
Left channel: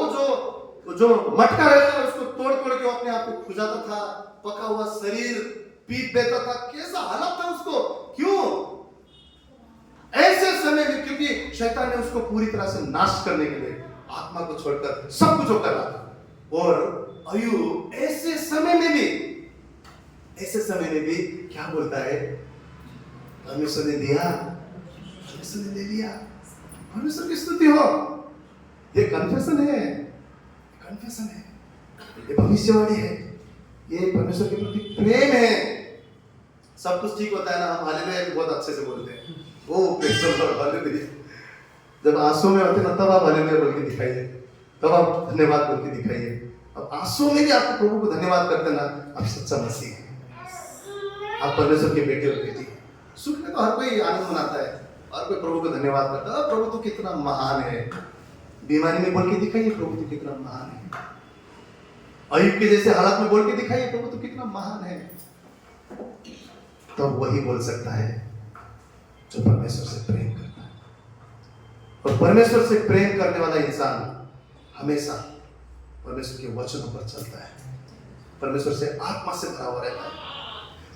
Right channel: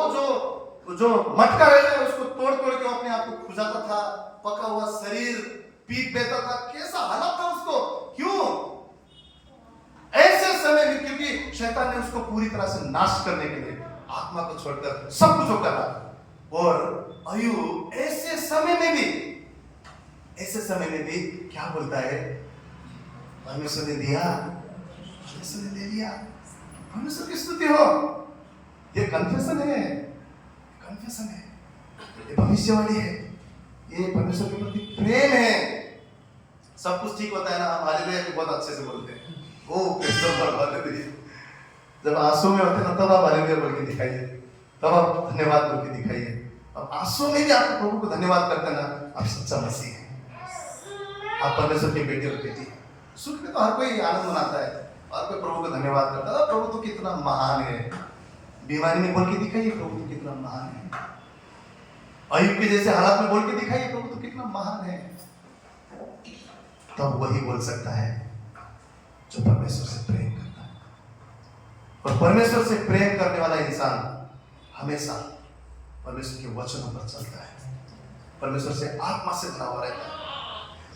जो मटका रहता है उसको तोड़ तोड़ के अपने आप को खुजाता था, पका हुआ शरीर पीट देता था। कैसा हालत था उसको? क्यों? ऐसे समय में, क्योंकि शैतान ने उसको पूरी तरह से नाश करने के लिए आत्मा को छोड़कर सब कुछ कर रहा था। और अय्यूब ऐसे समय में भी क्या बोलता है? परमेश्वर ने दिया, परमेश्वर ने ले लिया। परमेश्वर की स्तुति हो। ये कन्फेशन है, कन्फेशन है, ये भविष्यवाणी है, ये परमेश्वर के प्रति प्रेम है। सब कुछ ठीक होता है ना, हम हालेलुया बहुत अच्छे से बोलते हैं, ओ प्रेज़ द लॉर्ड, हालेलुया। जब आंसू में होते हैं तब आप हालेलुया बोल के दिखाइए, तब आप धन्यवाद बोल के दिखाइए। अब आंसू में भी आप प्रभु को धन्यवाद करते हैं ना, आप सच्चा मसीह है, आप परमेश्वर के बेटे और बेटी। सुख में तो हर कोई आनंद मनाता है, हर कोई प्रभु को धन्यवाद करता है, प्रभु तू कितना महान है। बीमारी में बोल के दिखाइए प्रभु तू कितना महान है। अय्यूब के जैसे हालत में बोल के दिखाइए प्रभु तू कितना महान है। तो वही बोल सकता है जो परमेश्वर से प्रेम करता है। और परमेश्वर से प्रेम करने वाला इंसान हमेशा परमेश्वर के वचनों पर चलता है, परमेश्वर से आत्मा से भरा हुआ रहता है,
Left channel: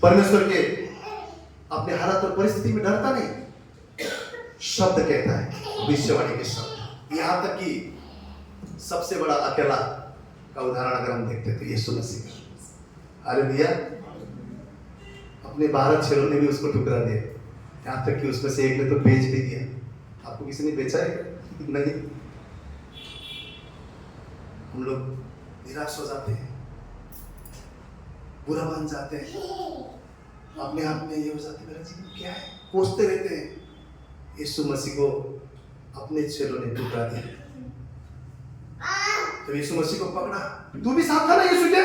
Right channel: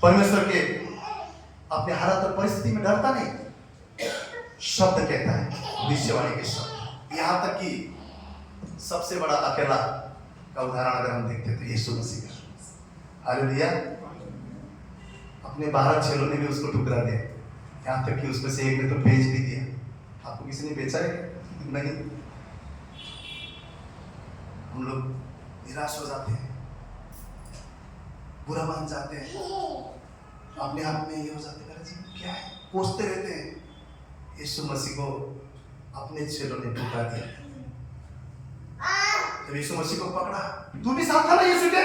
परमेश्वर के अपने हालात और परिस्थिति में डरता नहीं। शब्द कहता है, भविष्यवाणी के शब्द। यहां तक कि सबसे बड़ा अकेला का उदाहरण अगर हम देखते तो यीशु मसीह। हालेलुया। अपने 12 चेलों ने भी उसको ठुकरा दिया, यहां तक कि उसमें से एक ने तो बेच भी दिया। आपको किसी ने बेचा है? नहीं। हम लोग निराश हो जाते हैं, बुरा मान जाते हैं, अपने आप में ये हो जाते मेरा जीवन क्या है, कोसते रहते हैं। यीशु मसीह को अपने चेलों ने ठुकरा दिया। जब यीशु मसीह को पकड़ा, तू भी साथ था ना यीशु के?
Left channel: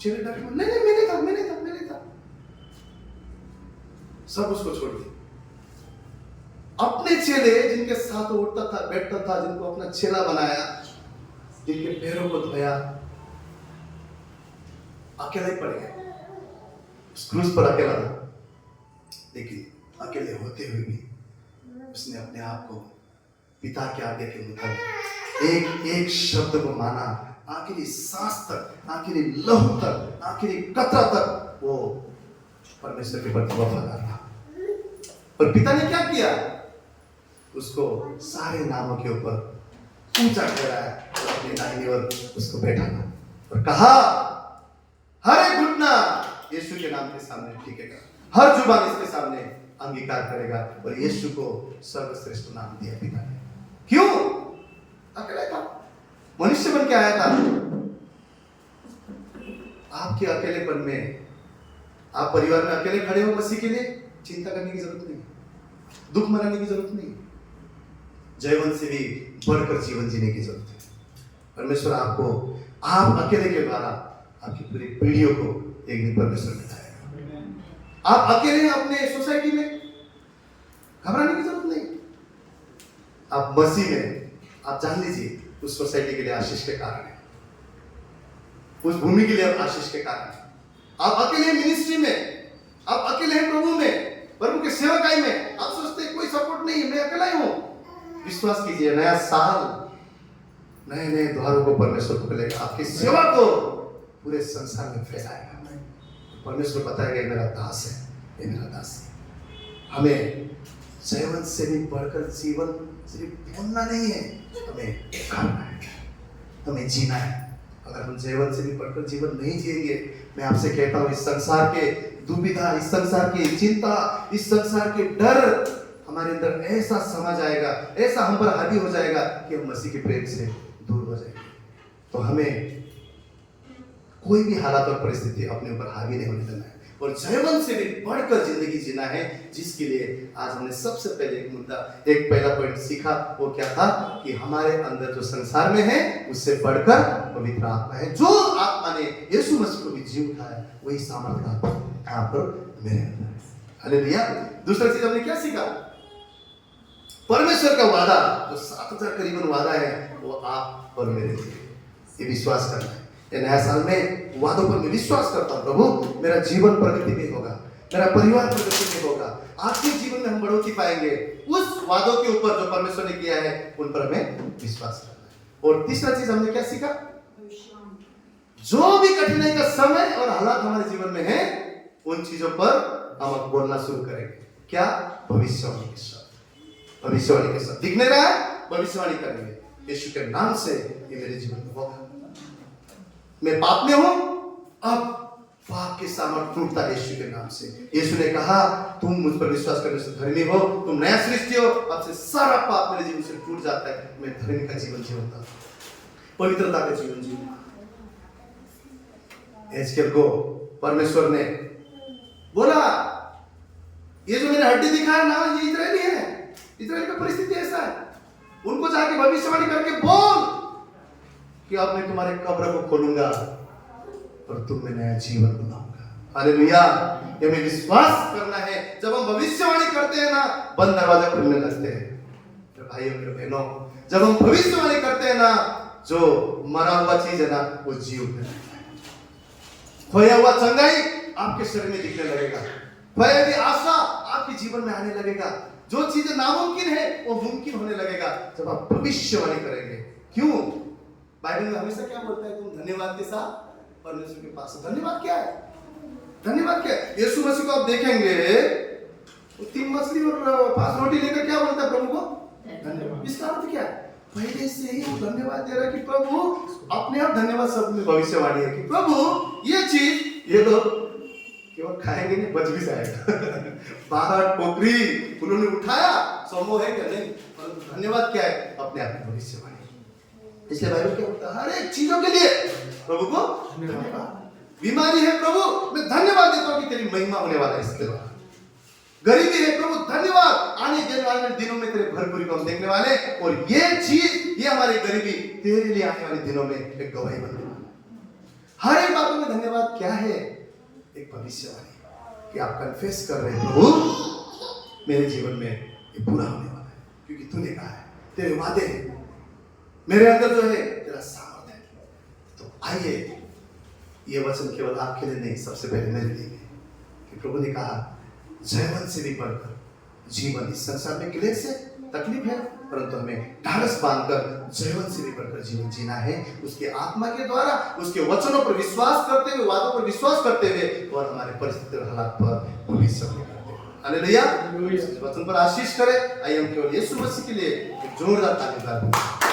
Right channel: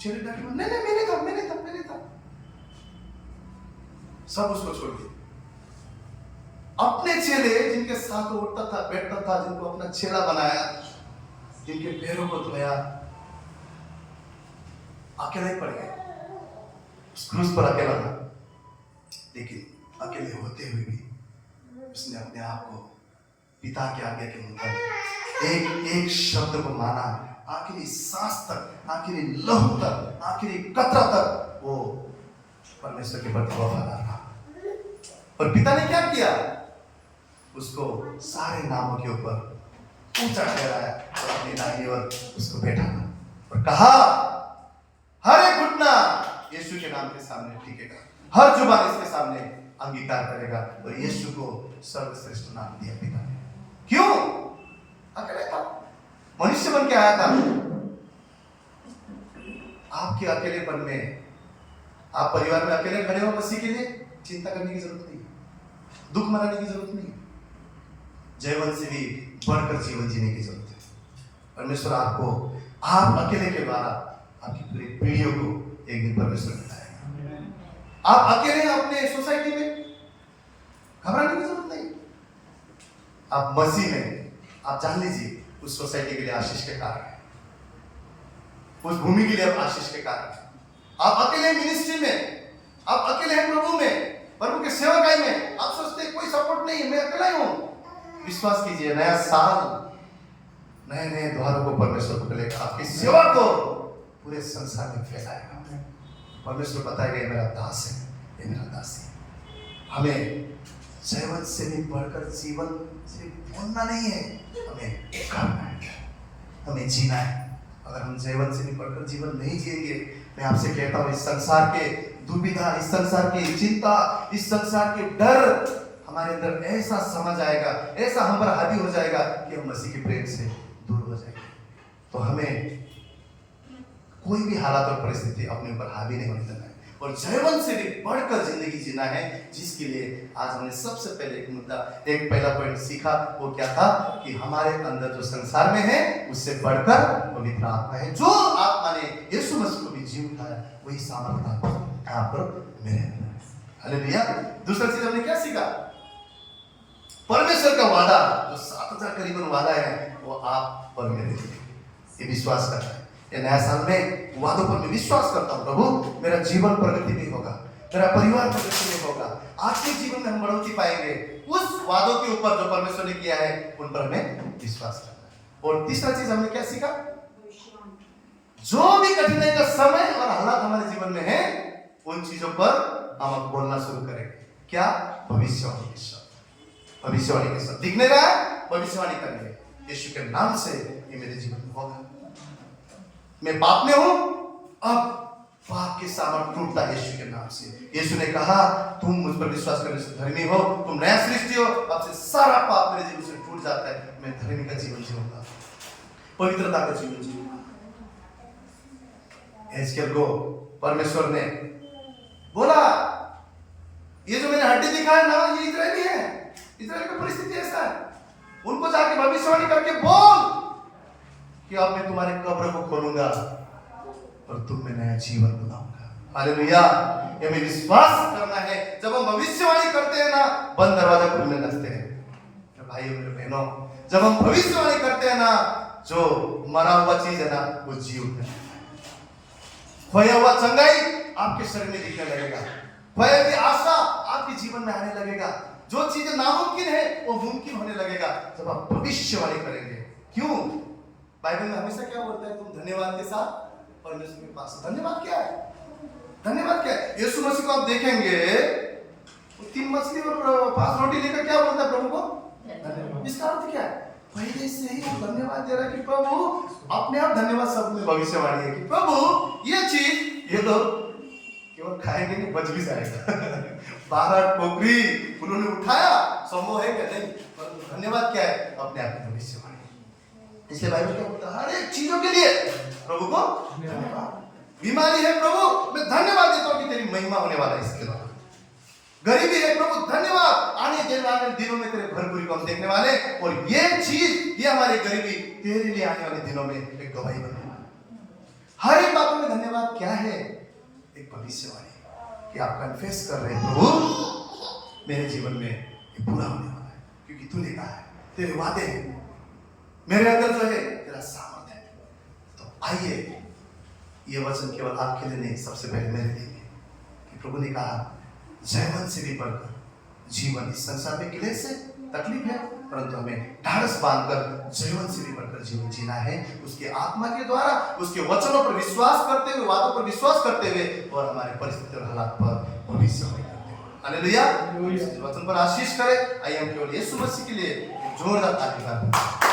चेले डर के नहीं नहीं मैंने था। सब उसको छोड़ दिया। अपने चेले जिनके साथ उठता था, बैठता था, जिनको अपना चेला बनाया, जिनके पैरों को धोया, अकेले पड़ गए। उस क्रूस पर अकेला था, लेकिन अकेले होते हुए भी उसने अपने आप को पिता की आज्ञा के मुताबिक एक एक शब्द को माना, आखिरी सांस तक, आखिरी लहू तक, आखिरी कतरा तक वो परमेश्वर के प्रति वफादार रहा। और पिता ने क्या किया? उसको सारे नामों के ऊपर ऊंचा ठहराया और अपनी दाहिनी ओर उसको बैठाया और कहा, हर एक घुटना यीशु के नाम के सामने टिकेगा, हर जुबान इसके सामने अंगीकार करेगा। और यीशु को सर्वश्रेष्ठ नाम दिया पिता ने। क्यों? अकेला था, मनुष्य बन के आया था। आपके अकेलेपन में, आप परिवार में अकेले खड़े हो मसीह के लिए, चिंता करने की जरूरत नहीं, दुख मनाने की जरूरत नहीं, जयवंत से भी बढ़कर जीवन जीने की जरूरत है। परमेश्वर आपको, आप अकेले के द्वारा आपकी पूरी पीढ़ियों को एक दिन परमेश्वर बताएगा। आप अकेले अपने सोसाइटी में, घबराने की जरूरत नहीं। आप मसीह में, आप जान लीजिए उस सोसाइटी के लिए आशीष के कारण है, उस भूमि के लिए आप आशीष के कारण है। आप अकेले हैं मिनिस्ट्री में, आप अकेले हैं प्रभु में, प्रभु के सेवकाई में। आप सोचते हैं कोई सपोर्ट नहीं है, मैं अकेला ही हूं। विश्वास कीजिए, नया साल नए नए द्वारों को परमेश्वर खोलेगा, आपकी सेवा को पूरे संसार में फैलाएगा। परमेश्वर बताएगा ये मेरा दास है, ये मेरा दास है। हमें जयवंत से भी बढ़कर जीवन सिर्फ बोलना नहीं है, हमें करना है, हमें जीना है। अगर हम जयवंत से भी बढ़कर जीवन नहीं जिएंगे, मैं आपसे कहता हूँ इस संसार के दुविधा, इस संसार की चिंता, इस संसार के डर हमारे अंदर ऐसा समा जाएगा, ऐसा हम पर हावी हो जाएगा कि हम मसीह के प्रेम से दूर हो जाएंगे। तो हमें कोई भी हालात और परिस्थिति अपने ऊपर हावी नहीं होने देना है, और जयवंत से भी बढ़कर जिंदगी जीना है, जिसके लिए आज हमने सबसे पहले एक पहला पॉइंट सीखा। वो क्या था कि हमारे अंदर जो संसार में है उससे बढ़कर पवित्र आत्मा है। जो आत्मा ने यीशु मसीह को भी जी उठाया, वही सामर्थ्य कहां पर? मेरे अंदर है। हालेलुया। दूसरा चीज हमने क्या सीखा? परमेश्वर का वादा, जो 7000 करीबन वादा है, वो आप और मेरे लिए, ये विश्वास करना है। ये नया साल में वादों पर मैं विश्वास करता हूँ। प्रभु, मेरा जीवन प्रगति में होगा, मेरा परिवार प्रगति में होगा, आत्मिक जीवन में हम बढ़ोतरी पाएंगे। उस वादों के ऊपर जो परमेश्वर ने किया है, उन पर हमें विश्वास करना है। और तीसरा चीज हमने क्या सीखा? जो भी कठिनाई का समय और हालात हमारे जीवन में है, उन चीजों पर हम अब बोलना शुरू करेंगे। क्या? भविष्यवाणी के शब्द। भविष्यवाणी के शब्द दिख नहीं रहा है, भविष्यवाणी करेंगे, यीशु के नाम से ये मेरे जीवन में होगा। मैं पाप में हूं, अब पाप के सामर्थ टूटता है यीशु के नाम से। यीशु ने कहा, तुम मुझ पर विश्वास करने से धर्मी हो, तुम नया सृष्टि हो, अब से सारा पाप मेरे जीवन से टूट जाता है। मैं धर्मी का जीवन जीऊंगा, पवित्रता का जीवन जीऊंगा। एजकेल को परमेश्वर ने बोला, ये जो मैंने हड्डी दिखाया ना, ये इजरायली है, इजराइल का परिस्थिति ऐसा है, उनको जाके भविष्यवाणी करके बोल कि अब मैं तुम्हारे कब्र को खोलूंगा और तुम में नया जीवन बनाऊंगा। हालेलुया। ये हमें विश्वास करना है। जब हम भविष्यवाणी करते हैं ना, बंद दरवाजा खुलने लगते हैं। तो भाइयों मेरे बहनों, जब हम भविष्यवाणी करते हैं ना, जो मरा हुआ चीज है ना, वो जी उठने लगता है। खोया हुआ चंगाई आपके शरीर में दिखने लगेगा, खोया हुई आशा आपके जीवन में आने लगेगा, जो चीजें नामुमकिन है वो मुमकिन होने लगेगा जब आप भविष्यवाणी करेंगे। क्यों? बाइबल में हमेशा क्या बोलता है? तुम धन्यवाद के साथ परमेश्वर के पास। धन्यवाद क्या है? धन्यवाद क्या है? यीशु मसीह को आप देखेंगे, वो 3 मछली और 5 रोटी लेकर क्या बोलता है प्रभु को? धन्यवाद। इसका अर्थ क्या है? पहले से ही धन्यवाद दे रहा है कि प्रभु, अपने आप धन्यवाद शब्द में भविष्यवाणी है कि प्रभु, ये चीज ये लोग केवल खाएंगे नहीं, बच भी जाएगा। 12 टोकरी उन्होंने उठाया, संभव है क्या? नहीं, परंतु धन्यवाद क्या है? अपने आप में भविष्यवाणी। इसलिए बाइबल क्या बोलता है? हर एक चीजों के लिए प्रभु को धन्यवाद। बीमारी है प्रभु, मैं धन्यवाद देता हूं कि तेरी महिमा होने वाला है इसके द्वारा। गरीबी है प्रभु, धन्यवाद, आने देने वाले दिनों में तेरे भरपूरी को हम देखने वाले, और ये चीज, ये हमारी गरीबी तेरे लिए आने वाले दिनों में एक गवाही बनने वाला। हर एक बातों में धन्यवाद क्या है? एक भविष्यवाणी कि आप कन्फेस कर रहे हैं, प्रभु मेरे जीवन में ये पूरा होने वाला है, क्योंकि तूने कहा है, तेरे वादे हैं, मेरे अंदर जो है तेरा सामर्थ्य है। तो आइए, ये वचन केवल आपके लिए नहीं, सबसे पहले मेरे लिए कि प्रभु ने कहा, जयवंत से भी बढ़कर जीवन। इस संसार में क्लेश है, तकलीफ है, परंतु हमें ढाढ़स बांधकर जयवंत से भी बढ़कर जीवन जीना है, उसके आत्मा के द्वारा, उसके वचनों पर विश्वास करते हुए, वादों पर विश्वास करते हुए, और हमारे परिस्थिति और हालात पर भविष्यवाणी करते हुए। हालेलुया। इस वचन पर आशीष करे। आइए हम केवल यीशु मसीह के लिए एक जोरदार ताली बजाएं।